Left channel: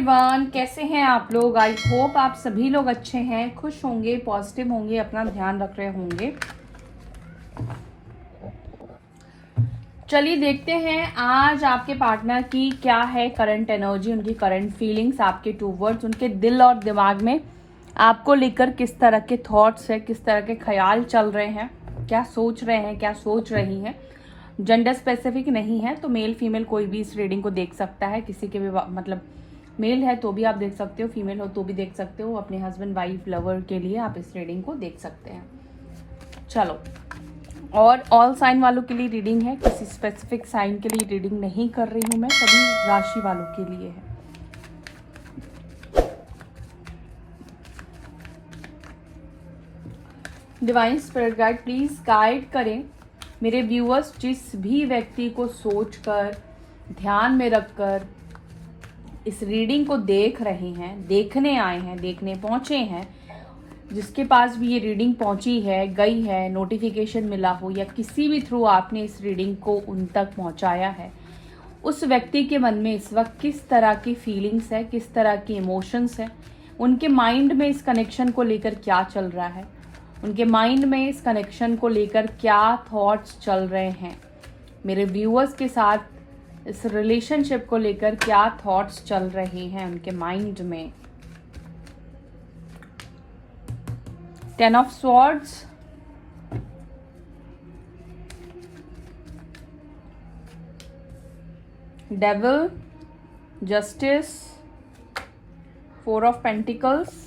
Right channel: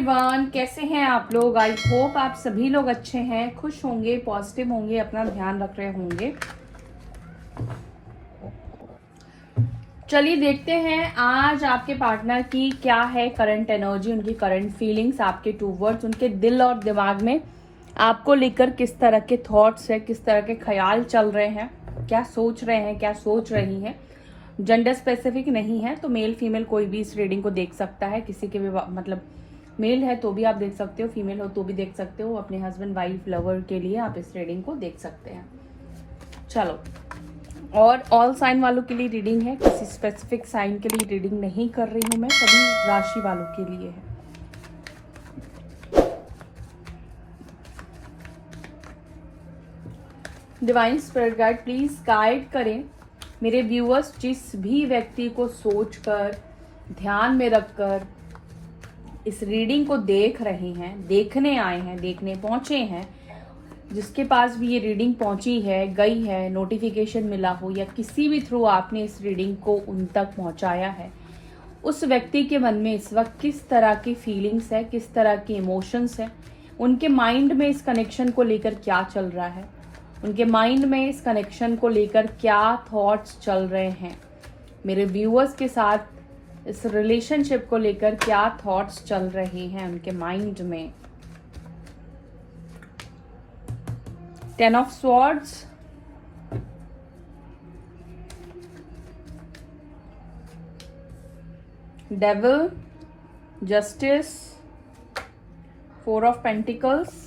Everyone, कैसे हैं आप लोग। आई होप आप सभी लोग अच्छे हैं, खुश होंगे, पॉजिटिव होंगे, अपना ध्यान रख रहे होंगे। चलिए देखते हैं आज आपके पार्टनर की क्या है करंट एनर्जी, उनकी करंट फीलिंग्स आपके टूवर्ड्स, उनके दिल और दिमाग में आपको लेकर किस तरह के थॉट्स है, किस तरह के ख्याल चल रहे हैं, क्या सोच रहे हैं, क्या सोच रही हैं। जेंडर स्पेसिफिक नहीं है, तो मेल फीमेल कोई भी इस रीडिंग को देख सकता है। किसी के भी मतलब मेल है तो भी आप देख सकते हो, फीमेल हो तो भी देख सकते हो। अपने हस्बैंड, वाइफ, लवर के लिए आप इस रीडिंग को देख सकते हैं। चलो, और ऑल साइन वालों के लिए रीडिंग है, किसी स्पेसिफिक साइन के लिए रीडिंग नहीं कर रही हूं मैं, सभी राशि वालों के लिए है। Divine spirit guide please guide करें मेरे व्यूअर्स, जिस भी व्यक्ति को सोचकर, ध्यान में रखकर इस रीडिंग को देख रहे हैं, देखने आए हैं, देखने पहुंचे हैं, जिसके पास भी ये रीडिंग पहुंची है, गई है, नोटिफिकेशन मिला हो या किसी भी थ्रू आपने इस रीडिंग को उन तक पहुंचाया है, उस व्यक्ति के मन में इस वक्त किस तरह की फीलिंग्स है, किस तरह की इमोशंस है, उनके माइंड में इस कनेक्शन को लेकर क्या चल रहा है, उनके माइंड में इस कनेक्शन को लेकर क्या थॉट्स चल रहे हैं, मेरे व्यूअर्स के साथ इस रिलेशनशिप को लेकर क्या थॉट्स चल रहे हैं उनके माइंड में। 10 of swords, devil, justice, 4 of pentacles,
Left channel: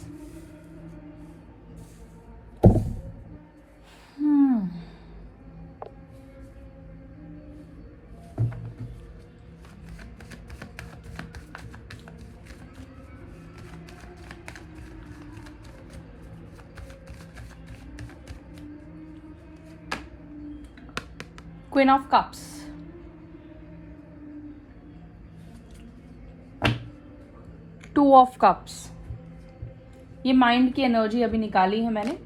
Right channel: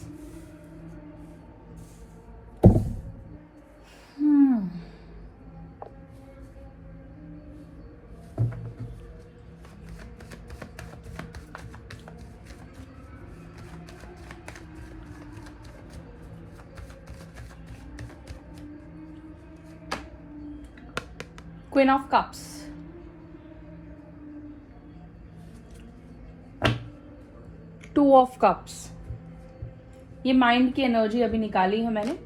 queen of cups, two of cups. ये माइंड की एनर्जी अभी निकाली है मैंने,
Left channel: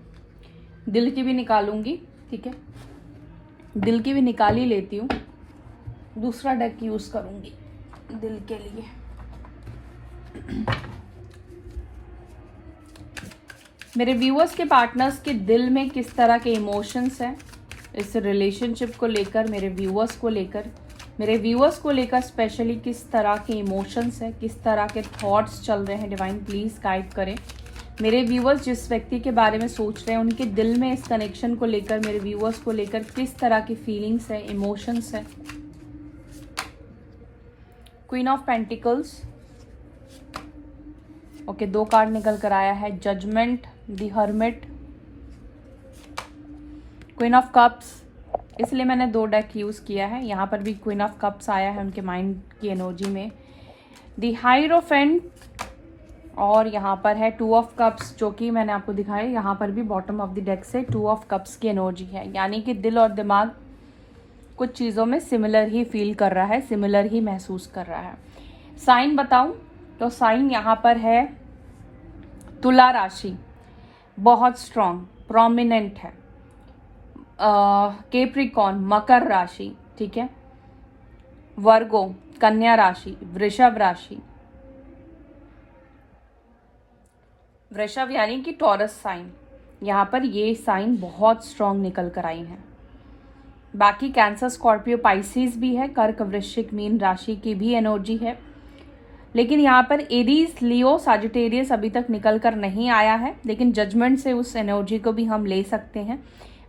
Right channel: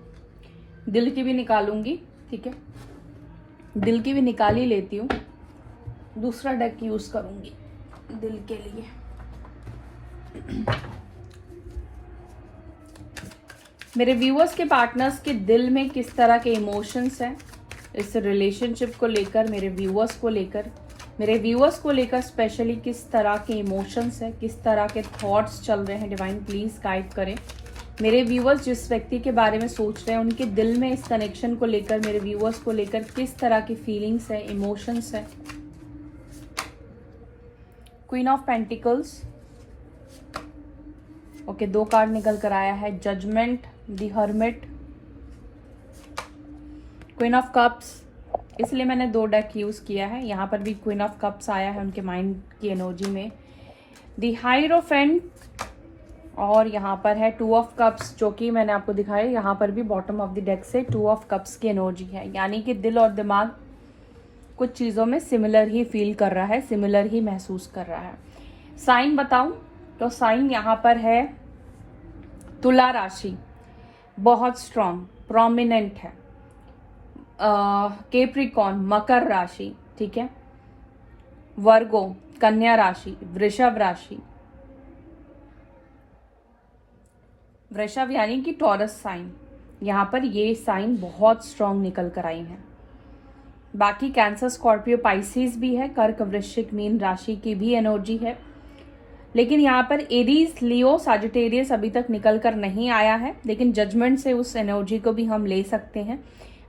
दिल की भी निकालूंगी, ठीक है, दिल की भी निकाल ही लेती हूँ, दूसरा डेक यूज करूंगी दिल के लिए। मेरे व्यूअर्स के पार्टनर्स के दिल में किस तरह के इमोशंस हैं इस रिलेशनशिप को लेकर, मेरे व्यूअर्स को लेकर स्पेशली किस तरह के इमोशंस है, किस तरह के थॉट्स चल रहे हैं। डिवाइन प्लीज गाइड करें मेरे व्यूअर्स, जिस व्यक्ति के बारे में सोच रहे हैं उनके दिल में इस कनेक्शन को लेकर, मेरे व्यूअर्स को लेकर किस तरह की फीलिंग्स है, इमोशंस है। Queen of pentacles, okay, 2 card निकल कर आया है, judgement, the hermit, queen of cups. इसलिए मैंने 2 डेक यूज किया है। यहाँ पर भी क्वीन ऑफ कप्स आया है उनके माइंड की एनर्जी में, द हायरोफेंट, और यहाँ पर है 2 ऑफ कप्स, जो कि मैंने आपको दिखाया। यहाँ पर भी बॉटम ऑफ द डेक से 2 ऑफ कप्स की एनर्जी है, यानी कि दिल और दिमाग कुछ चीज़ों में सिमिलर ही फील कर रहा है, सिमिलर ही महसूस कर रहा है। साइन बताऊं तो साइन यहाँ पर है तुला राशि, बहुत स्ट्रांग, प्रोमिनेंट है। कैप्रिकॉर्न, मकर राशि, ठीक है, वर्गो, कन्या राशि, वृषभ राशि, वृषभ यानी कि टॉरस साइन, यहाँ पर ये साइन बहुत स्ट्रांग निकल कर आई हैं। बाकी कैंसर, स्कॉर्पियो, पाइसिस भी है, कर्क, वृश्चिक, मीन राशि की भी एनर्जी है, लेकिन यहाँ पर एरीज, लियो, सजिटेरियस अभी तक निकल कर नहीं आया है, लेकिन जजमेंट से उस एनर्जी को भी हम ले सकते हैं।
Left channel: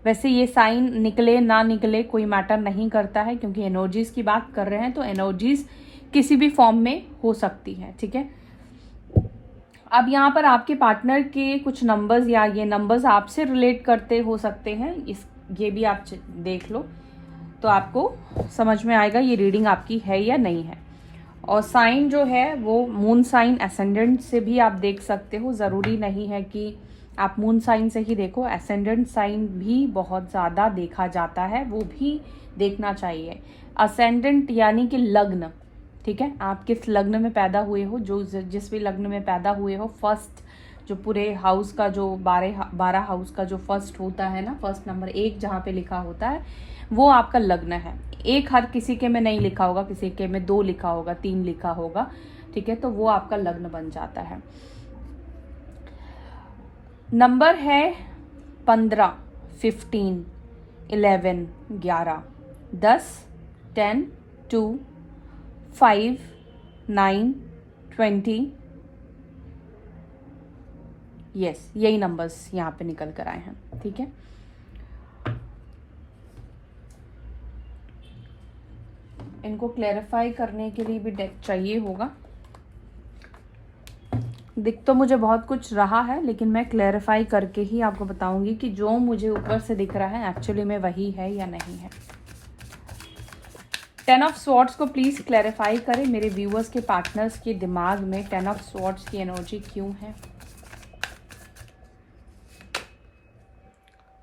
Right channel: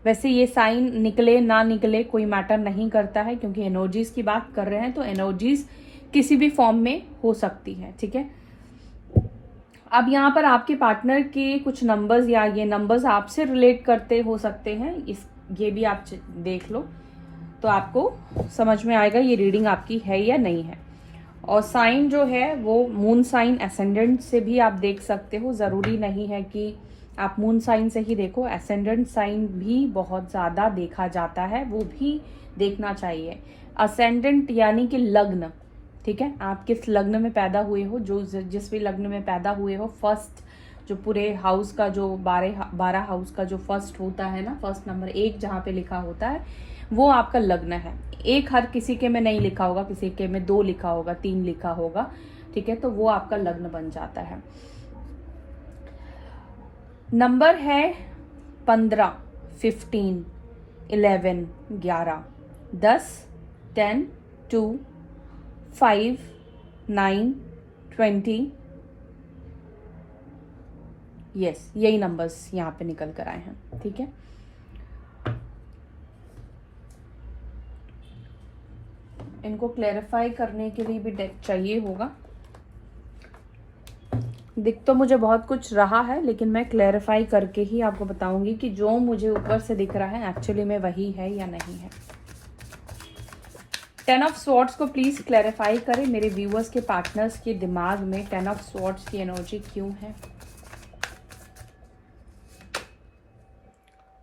वैसे ये साइन निकले ना निकले कोई मैटर नहीं करता है, क्योंकि एनर्जीज की बात कर रहे हैं तो एनर्जीज किसी भी फॉर्म में हो सकती है, ठीक है। अब यहाँ पर आपके पार्टनर के कुछ नंबर्स या ये नंबर्स आपसे रिलेट करते हो सकते हैं, ये भी आप देख लो तो आपको समझ में आएगा ये रीडिंग आपकी है या नहीं है। और साइन जो है वो मून साइन, एसेंडेंट से भी आप देख सकते हो, ज़रूरी नहीं है कि आप मून साइन से ही देखो, एसेंडेंट साइन भी बहुत ज़्यादा देखा जाता है, वो भी देखना चाहिए। असेंडेंट यानी कि लग्न, ठीक है, आप किस लग्न में पैदा हुए हो, जो जिस भी लग्न में पैदा हुए हो, फर्स्ट जो पूरे हाउस का जो 12 हाउस का जो फर्स्ट होता है ना, फर्स्ट नंबर 1 जहाँ पे लिखा होता है वो आपका लग्न है। 1 हर किसी के में नहीं लिखा होगा, किसी के में 2 लिखा होगा, 3 लिखा होगा, ठीक है, तो वो आपका लग्न बन जाता है। नंबर है 15, 15, 11, 11, 10, 10, 2, 5, 9, 20। यस, यही नंबर्स यहाँ पे निकल कर आए हैं, ठीक है। इनको क्लैरिफाई करने के लिए भी डेक चाहिए होगा। दिख तो मुझे बहुत कुछ रहा है, लेकिन मैं क्लैरिफाई करके ही आपको बताऊंगी कि जो मुझे ऊपर से दिख रहा है एक्चुअली में वही है या नहीं है। 10 ऑफ स्वॉर्ड्स को प्लीज क्लैरिफाई करें मेरे व्यूअर्स के पार्टनर्स के दिमाग में 10 ऑफ स्वॉर्ड्स की एनर्जी क्यों है।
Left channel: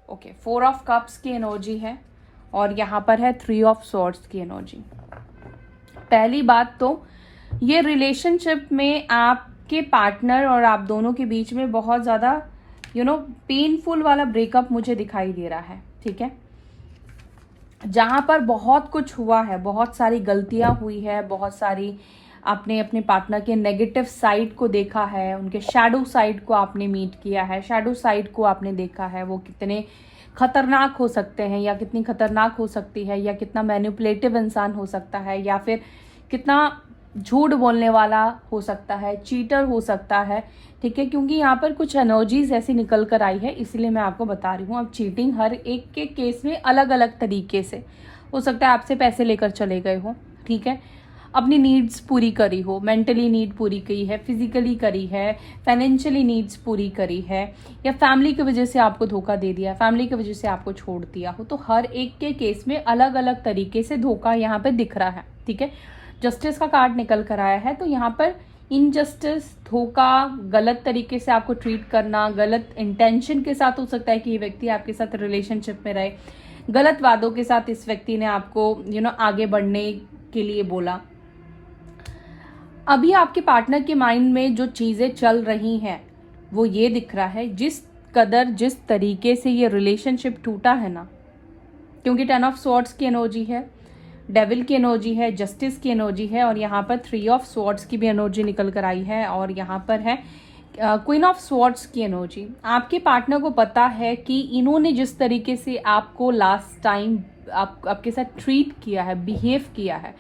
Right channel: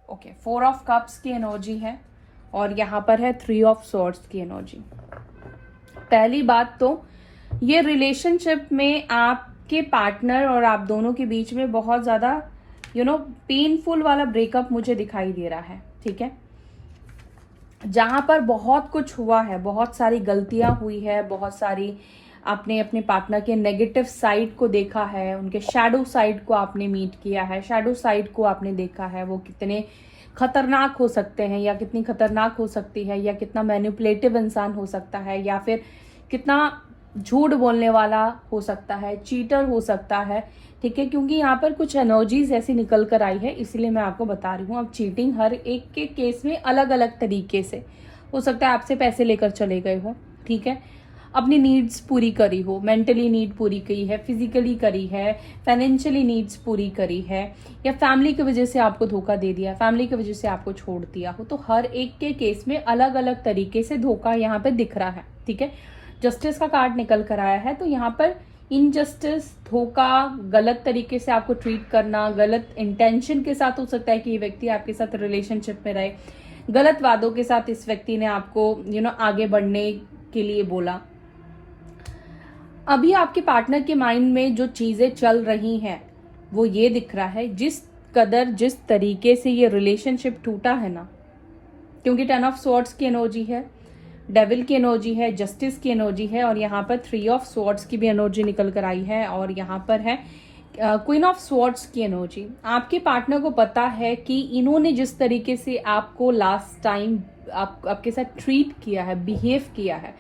ओके, 4 ऑफ कप्स की एनर्जी है और यहाँ पर है 3 ऑफ स्वॉर्ड्स की एनर्जी। पहली बात तो ये रिलेशनशिप में आपके पार्टनर और आप दोनों के बीच में बहुत ज़्यादा पेनफुल वाला ब्रेकअप मुझे दिखाई दे रहा है, ठीक है। जहाँ पर बहुत कुछ हुआ है, बहुत सारी गलतियां हुई है, बहुत सारी आपने अपने पार्टनर के नेगेटिव साइड को देखा है, उनके शैडो साइड को आपने मीट किया है, शैडो साइड को आपने देखा है, वो कितने खतरनाक हो सकते हैं या कितनी खतरनाक हो सकती है, या कितना मैनिपुलेटिव इंसान हो सकता है, या फिर कितना झूठ बोलने वाला हो सकता है, चीटर हो सकता है, ठीक है। क्योंकि यहाँ पर कुछ एनर्जीज ऐसी निकल कर आई है, इसलिए मैं आपको बता रही हूँ। अब चीटिंग हर एक के केस में अलग अलग तरीके से हो सकता है। आपसे पैसे लेकर चले गए हो, ठीक है, अपनी नीड्स पूरी करी हो, मेंटली नीड पूरी करी है, फिजिकली करी है, फाइनेंशियली नीड्स पूरी करी है, या फैमिली की वजह से आपको धोखा दे दिया, फैमिली की वजह से आपको छोड़ दिया हो, तो हर एक के केस में अलग अलग तरीके से धोखा यहाँ पे दिख रहा है, ठीक है। जस्टिस का कार्ड निकल कर आया है, तो यहाँ पर इनजस्टिस, धोखा, गलत तरीके से आपको ट्रीट करना, गलत इंटेंशन के साथ हो सकता है कि ये व्यक्ति आपके साथ रिलेशनशिप में रहे, गलत वादों के साथ इस व्यक्ति ने आपको आगे बढ़ने के लिए बोला। अभी आपके पार्टनर के माइंड में जो चीजें चल रही हैं वो ये दिख रहा है, जिस तरीके से ये रिलेशनशिप टूटा है ना, क्योंकि 10 ऑफ स्वॉर्ड्स की एनर्जी है, डेविल की एनर्जी है, जस्टिस की एनर्जी है, और यहाँ पर 3 ऑफ स्वॉर्ड्स की भी एनर्जी निकल कर आई है, और यहाँ पर है क्वीन ऑफ स्वॉर्ड्स की एनर्जी। आपके पार्टनर को पता है कि इन्होंने जिस तरीके से आपको लास्ट टाइम आपके साथ ट्रीट किया है, बिहेव किया है,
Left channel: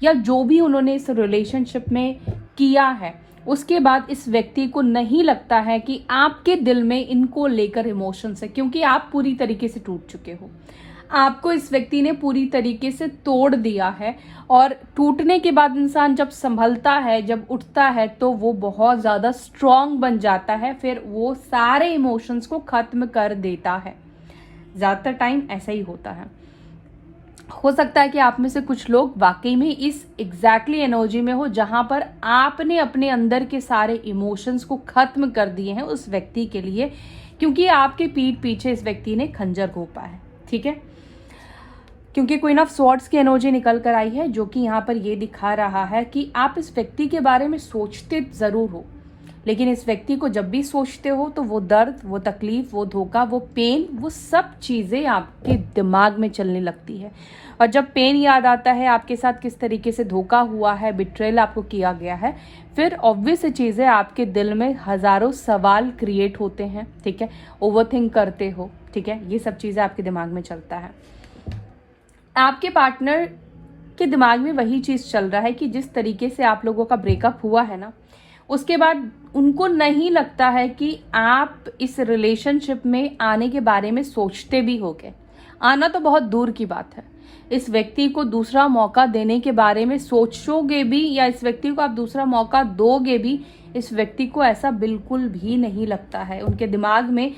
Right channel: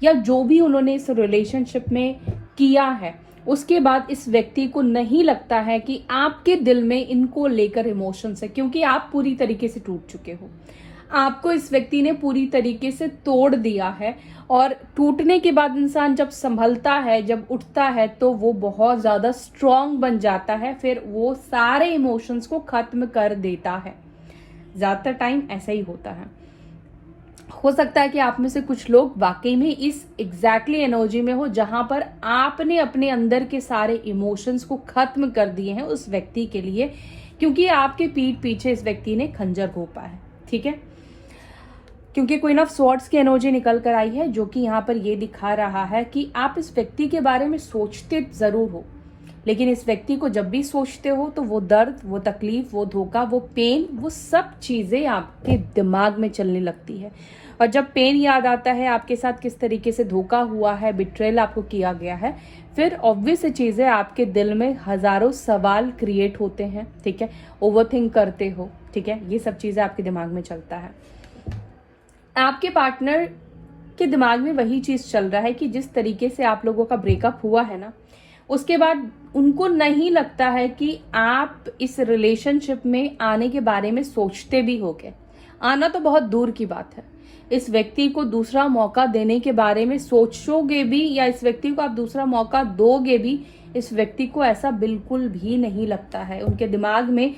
या जो भी उन्होंने इस रिलेशनशिप में किया है, उसके बाद इस व्यक्ति को नहीं लगता है कि आपके दिल में इनको लेकर इमोशंस है, क्योंकि आप पूरी तरीके से टूट चुके हो। आपको इस व्यक्ति ने पूरी तरीके से तोड़ दिया है, और टूटने के बाद इंसान जब संभलता है, जब उठता है, तो वो बहुत ज्यादा स्ट्रांग बन जाता है, फिर वो सारे इमोशंस को खत्म कर देता है। ज्यादातर टाइम ऐसा ही होता है। हो सकता है कि आप में से कुछ लोग वाकई में इस एग्जैक्टली एनर्जी में हो, जहां पर आपने अपने अंदर के सारे इमोशंस को खत्म कर दिए हैं उस व्यक्ति के लिए, क्योंकि आपके पीठ पीछे इस व्यक्ति ने खंजर घोंपा है, ठीक है। क्योंकि क्वीन ऑफ स्वॉर्ड्स की एनर्जी निकल कर आई है, जो कि यहाँ पर ये दिखा रहा है कि आप इस व्यक्ति के बारे में सोचते जरूर हो, लेकिन इस व्यक्ति को जब भी सोचते हो तो वो दर्द, वो तकलीफ, वो धोखा, वो पेन, वो सब चीजें आपके दिमाग में चलने लगती है। और जब पेन याद आता है, आपके साथ किस तरीके से धोखा हुआ है, बिट्रेल आपको किया गया है, फिर ऑब्वियस चीजें आपके दिल में हजारों सवाल क्रिएट होते हैं, ठीक है। ओवरथिंक करते हो, ठीक है, ये सब चीजें आपके दिमाग में चलता है। आपके पार्टनर के दिमाग में वही चीज चल रहा है कि जिस तरीके से आप लोगों का ब्रेकअप हुआ है ना, उसके बाद उनको नहीं लगता है कि आप इस रिलेशनशिप में आने के बारे में सोचते भी होगे। आना तो बहुत दूर की बात है, इस व्यक्ति को दूसरा मौका देने के बारे में सोचोगे भी, या इस व्यक्ति को आप दूसरा मौका दोगे भी, इस व्यक्ति को ऐसा बिल्कुल भी नहीं लगता है। उनके दिमाग में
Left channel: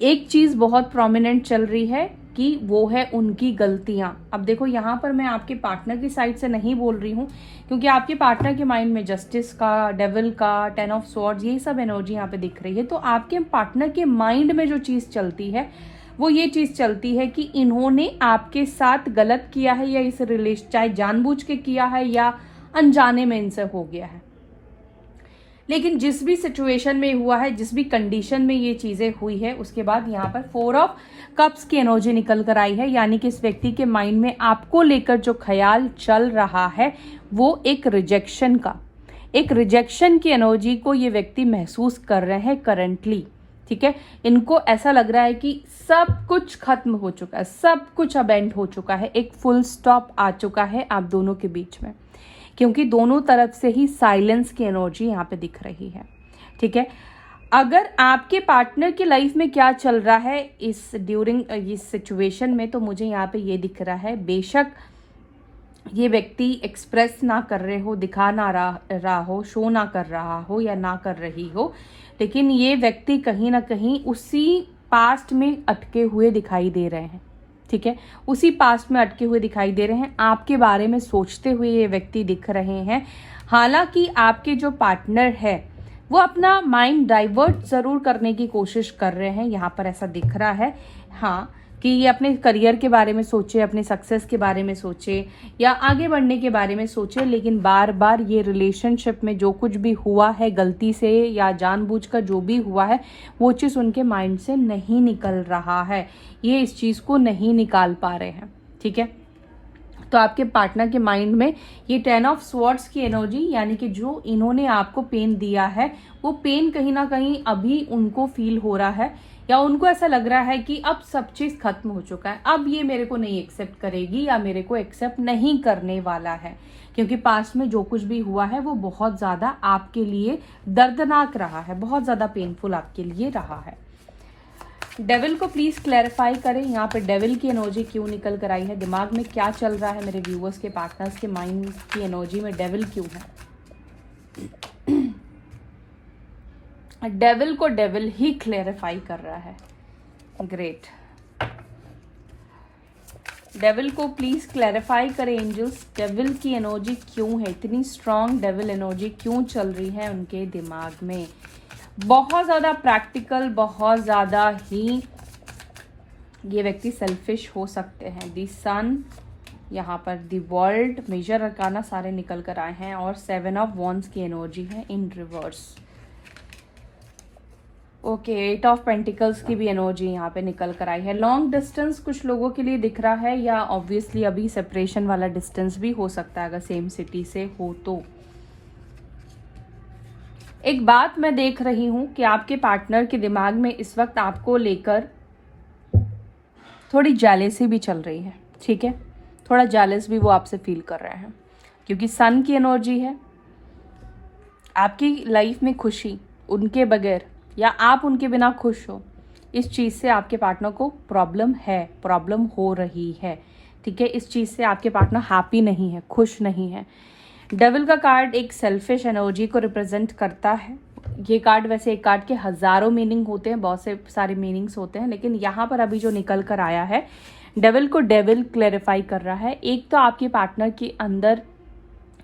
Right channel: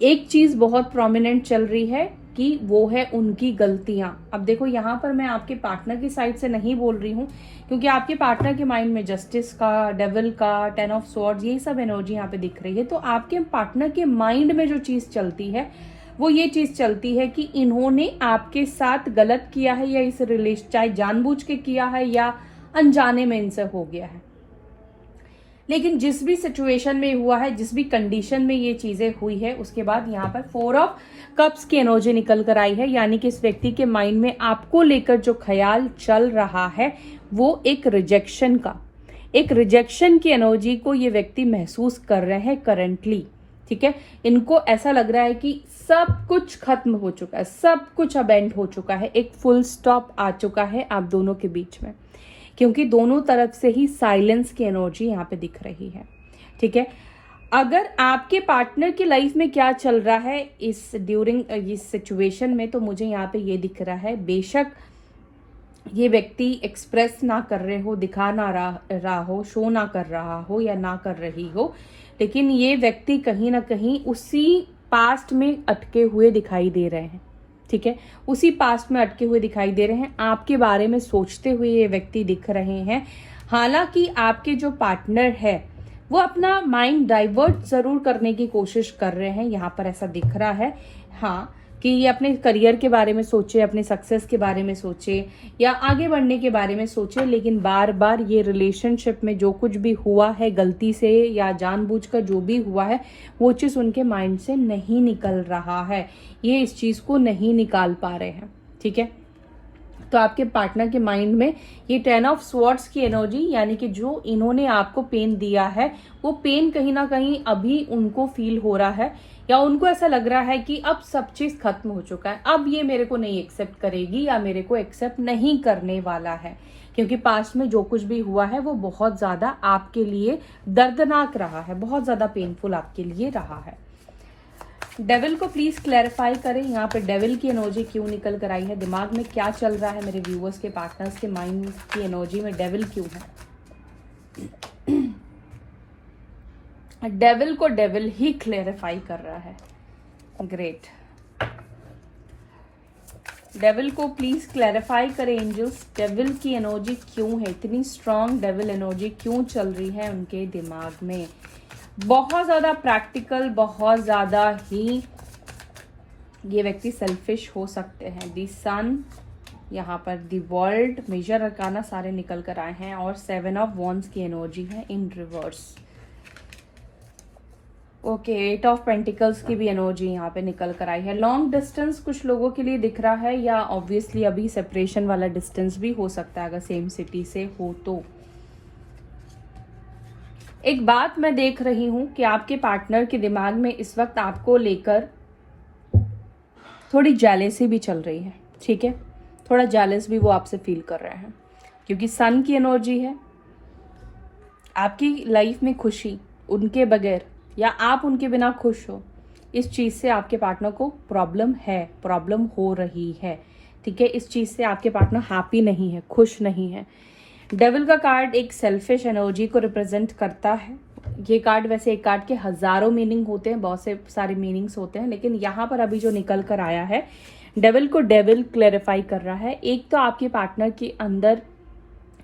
एक चीज बहुत प्रोमिनेंट चल रही है कि वो है उनकी गलतियां। अब देखो, यहाँ पर मैं आपके पार्टनर की साइड से नहीं बोल रही हूँ, क्योंकि आपके पार्टनर के माइंड में जस्टिस का, डेविल का, 10 ऑफ स्वॉर्ड्स, ये सब एनर्जी यहाँ पे दिख रही है। तो आपके पार्टनर के माइंड में जो चीज चलती है वो ये चीज चलती है कि इन्होंने आपके साथ गलत किया है, या इस रिलेशन चाहे जानबूझ के किया है या अनजाने में इनसे हो गया है। लेकिन जिस भी सिचुएशन में हुआ है, जिस भी कंडीशन में ये चीजें हुई है, उसके बाद यहाँ पर 4 ऑफ कप्स की एनर्जी निकल कर आई है, यानी कि इस व्यक्ति के माइंड में आपको लेकर जो ख्याल चल रहा है वो एक रिजेक्शन का, एक रिजेक्शन की एनर्जी को ये व्यक्ति महसूस कर रहे हैं करंटली, ठीक है। इनको ऐसा लग रहा है कि सब कुछ खत्म हो चुका है, सब कुछ अब एंड हो चुका है, एक फुल स्टॉप आ चुका है आप दोनों के बीच में, क्योंकि दोनों तरफ से ही साइलेंस की एनर्जी यहाँ पे दिख रही है, ठीक है। अगर आपके पार्टनर की लाइफ में क्या चल रहा है इस ड्यूरिंग इस सिचुएशन में, तो मुझे यहाँ पे ये दिख रहा है, बेशक ये व्यक्ति एक्सप्रेस ना कर रहे हो, दिखा ना रहा हो, शो ना कर रहा हो या ना कर रही हो, लेकिन ये व्यक्ति कहीं ना कहीं उसी पास्ट में अटके हुए दिखाई दे रहे हैं, ठीक है। उसी पास्ट में अटके हुए दिखाई दे रहे हैं, आपके बारे में सोचते हुए ये व्यक्ति दिख रहे हैं। हालांकि आपके जो पार्टनर है वो अपना माइंड डाइवर्ट जरूर करने की कोशिश कर रहे हैं, यहाँ पर ऐसा दिख रहा है, हाँ, कि ये अपने करियर के बारे में सोचे, अपने सक्सेस के बारे में सोचे या आगे बढ़ने के बारे में सोचे, लेकिन बार बार ये रिलेशनशिप में जो कुछ भी हुआ है गलती से या जानबूझकर जो भी हुआ है, वो चीज़ उनके माइंड से नहीं निकल रहा है, ये इस चीज़ को नहीं निकाल पा रहे हैं, ठीक है। तो आपके पार्टनर के माइंड में ये 10 ऑफ स्वॉर्ड्स की एनर्जी, यानी कि जो इन्होंने आपको पेन दिया है वो पेन कहीं ना कहीं अभी उनको फील हो रहा है, या उनको ऐसा लग रहा है कि अब सब चीज खत्म हो चुका है, अब ये मेरे को नहीं एक्सेप्ट करेगी या मेरे को एक्सेप्ट नहीं करने वाला है, क्योंकि पास्ट में जो कुछ भी हुआ है वो बहुत ज्यादा आपके लिए दर्दनाक रहा है, बहुत ज्यादा पेनफुल आपके लिए रहा है। डेविल को प्लीज क्लैरिफाई करें, यहाँ पे डेविल की एनर्जी क्यों निकल कर आई है, दिमाग में क्या चल रहा है मेरे व्यूअर्स के, पार्टनर्स के माइंड की एनर्जी में डेविल क्यों है। डेविल को डेविल ही क्लैरिफाई कर रहा है, ग्रेट। डेविल को प्लीज क्लैरिफाई करें एंजल्स, डेविल की एनर्जी क्यों है, इतनी स्ट्रांग डेविल एनर्जी क्यों चल रही है उनके दिमाग में। बहुत ज्यादा प्रैक्टिकल, बहुत ज्यादा ही ये व्यक्ति सेल्फिश हो सकते हैं। दी सन, यहाँ पर दी वर्ल्ड, मेजर अरकाना सारे निकल कर आए हैं, और 7 ऑफ वॉन्ड्स की एनर्जी है इन रिवर्स। ओके, 8 ऑफ पेंटिकल्स की भी एनर्जी यहाँ पे निकल कर आई है। लॉन्ग डिस्टेंस कुछ लोगों के लिए दिख रहा है, या ऑब्वियसली अभी सेपरेशन वाला डिस्टेंस भी हो सकता है अगर सेम सिटी से हो तो। एक बात मैं देख रही हूं कि आपके पार्टनर के दिमाग में इस वक्त आपको लेकर थोड़ी जेलेसी भी चल रही है, ठीक है, थोड़ा जेलस भी वो आपसे फील कर रहे हैं, क्योंकि सन की एनर्जी है। आपकी लाइफ में खुशी उनके बगैर या आप उनके बिना खुश हो, इस चीज़ से आपके पार्टनर को प्रॉब्लम है, प्रॉब्लम हो रही है, ठीक है। इस चीज़ से आपके पार्टनर हैप्पी नहीं है, खुश नहीं है। डेविल का कार्ड एक सेल्फिश एनर्जी को रिप्रेजेंट करता है। ये कार्ड, वैसे एक कार्ड के हजारों मीनिंग होते हैं, बहुत से सारे मीनिंग्स होते हैं, लेकिन यहाँ पर अभी जो निकल कर आया है, डेविल को डेविल क्लैरिफाई कर रहा है। एक तो आपके पार्टनर के अंदर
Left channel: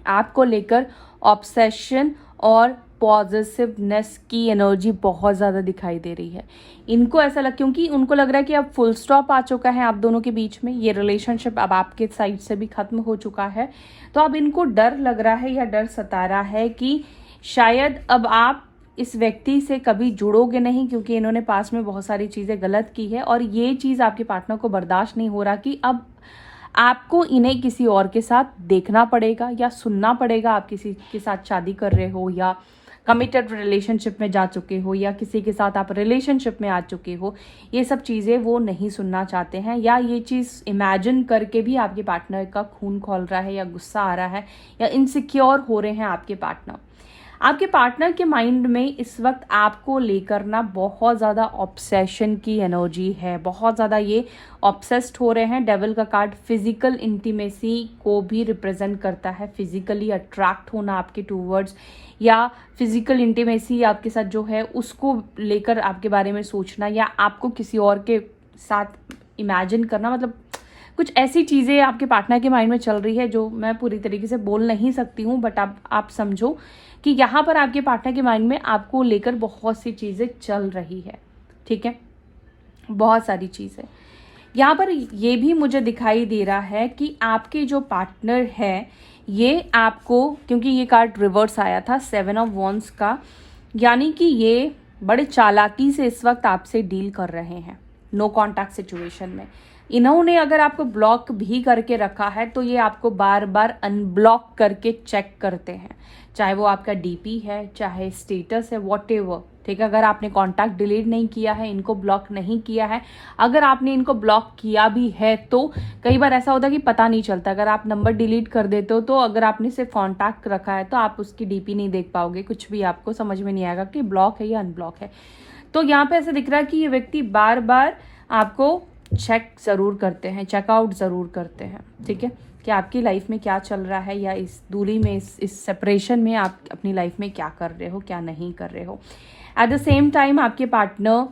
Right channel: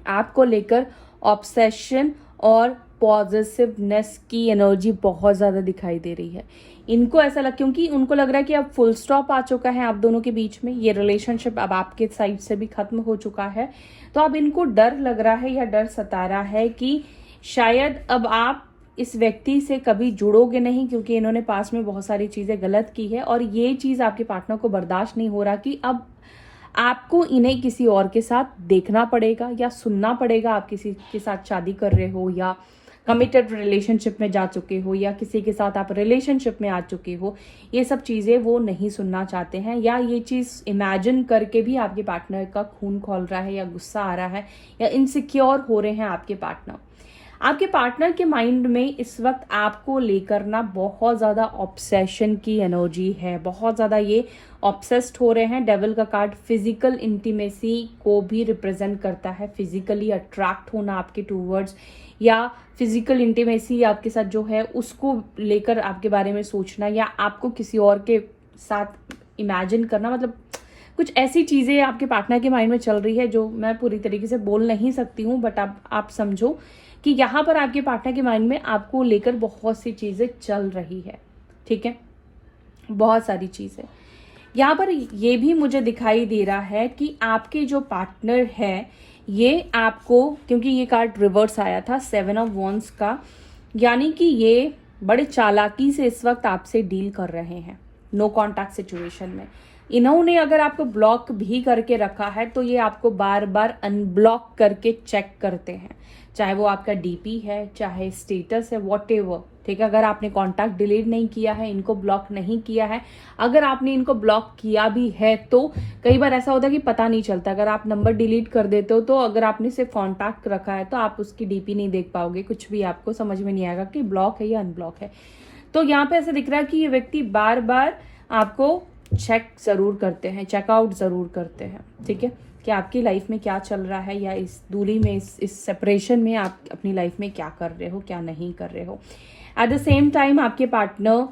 आपको लेकर ऑब्सेशन और पॉजिटिवनेस की एनर्जी बहुत ज़्यादा दिखाई दे रही है। इनको ऐसा क्योंकि उनको लग रहा है कि अब फुल स्टॉप आ चुका है आप दोनों के बीच में, ये रिलेशनशिप अब आपके साइड से भी खत्म हो चुका है, तो अब इनको डर लग रहा है या डर सता रहा है कि शायद अब आप इस व्यक्ति से कभी जुड़ोगे नहीं, क्योंकि इन्होंने पास में बहुत सारी चीज़ें गलत की है, और ये चीज़ आपके पार्टनर को बर्दाश्त नहीं हो रहा कि अब आपको इन्हें किसी और के साथ देखना पड़ेगा या सुनना पड़ेगा। आप किसी के साथ शादी कर रहे हो या कमिटेड रिलेशनशिप में जा चुके हो या किसी के साथ आप रिलेशनशिप में आ चुके हो, ये सब चीज़ें वो नहीं सुनना चाहते हैं, या ये चीज़ इमेजिन करके भी आपके पार्टनर का खून खौल रहा है या गुस्सा आ रहा है या इनसिक्योर हो रहे हैं आपके पार्टनर। आपके पार्टनर के माइंड में इस वक्त आपको लेकर ना बहुत ज़्यादा ऑब्सेशन की एनर्जी है, बहुत ज़्यादा ये ऑब्सेस्ड हो रहे हैं। डेविल का कार्ड फिजिकल इंटीमेसी को भी रिप्रेजेंट करता है, फिजिकली अट्रैक्ट होना आपके टूवर्ड्स, या फिजिकल इंटीमेसी आपके साथ जो है उसको लेकर आपके बारे में सोचना, या आपको किसी और के साथ इमेजिन करना, मतलब कुछ ऐसी चीज़ें आपके पार्टनर के माइंड में चल रही है जो मैं पूरी तरीके से बोल नहीं सकती हूँ, बट आप समझो कि यहाँ पर आपके पार्टनर के माइंड में आपको लेकर बहुत सी चीज़ें चल रही है, ठीक है, बहुत सारी चीज़ें। यहाँ पर ये भी मुझे दिखाई दे रहा है कि आपके जो पार्टनर है ये आपको, क्योंकि ये कार्ड रिवर्स आया था 7 ऑफ वॉन्ड्स का, यानी कि ये बड़े चालाकी से इस वक्त आपसे डील कर रहे हैं नो कॉन्टैक्ट सिचुएशन में। इन्होंने अगर आपको ब्लॉक भी करके रखा है तो ये आपको बार बार अनब्लॉक करके चेक करते हैं, चाहे वो आपका डीपी है, चाहे स्टेटस है, वॉटएवर, ठीक है। अगर आपने कॉन्टैक्ट डिलीट नहीं किया है, इनको ब्लॉक नहीं किया है, अगर आपने इनको ब्लॉक किया भी है तो कई बार ऐसा होता है कि पता नहीं चलता। अगर आप नंबर डिलीट कर देते हो तो अगर आपने सिर्फ कॉन्टैक्ट रखा है तो आप उसकी डीपी नहीं देख पाओगे, कुछ भी आपको समझ में नहीं आएगा कि ब्लॉक है या अनब्लॉक है। तो यहाँ पे ऐसा दिख रहा है कि ये व्यक्ति बार बार आपको चेक जरूर करते हैं, चेकआउट जरूर करते हैं, ठीक है, कि आपकी लाइफ में क्या चल रहा है, या इस दूरी में, इस सेपरेशन में आप अपनी लाइफ में क्या कर रहे हो, क्या नहीं कर रहे हो। एट द सेम टाइम आपके पार्टनर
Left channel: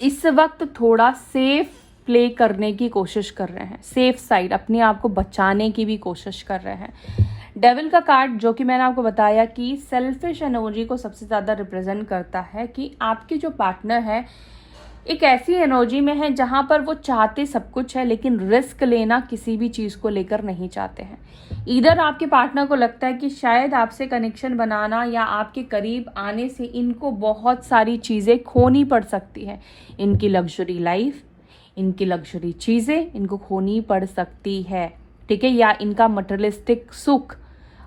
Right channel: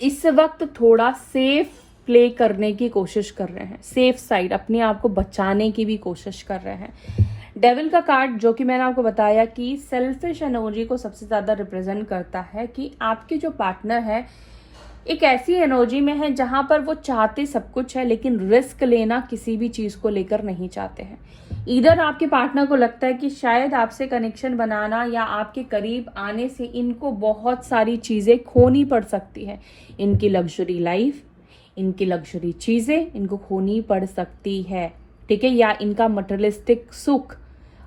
इस वक्त थोड़ा सेफ प्ले करने की कोशिश कर रहे हैं, सेफ साइड, अपने आप को बचाने की भी कोशिश कर रहे हैं। डेविल का कार्ड, जो कि मैंने आपको बताया कि सेल्फिश एनर्जी को सबसे ज्यादा रिप्रेजेंट करता है, कि आपके जो पार्टनर है एक ऐसी एनर्जी में है जहां पर वो चाहते सब कुछ है लेकिन रिस्क लेना किसी भी चीज को लेकर नहीं चाहते हैं। इधर आपके पार्टनर को लगता है कि शायद आपसे कनेक्शन बनाना या आपके करीब आने से इनको बहुत सारी चीजें खोनी पड़ सकती है। इनकी लग्जरी लाइफ, इनकी लग्जरी चीजें इनको खोनी पड़ सकती है, ठीक है, या इनका मटेरियलिस्टिक सुख।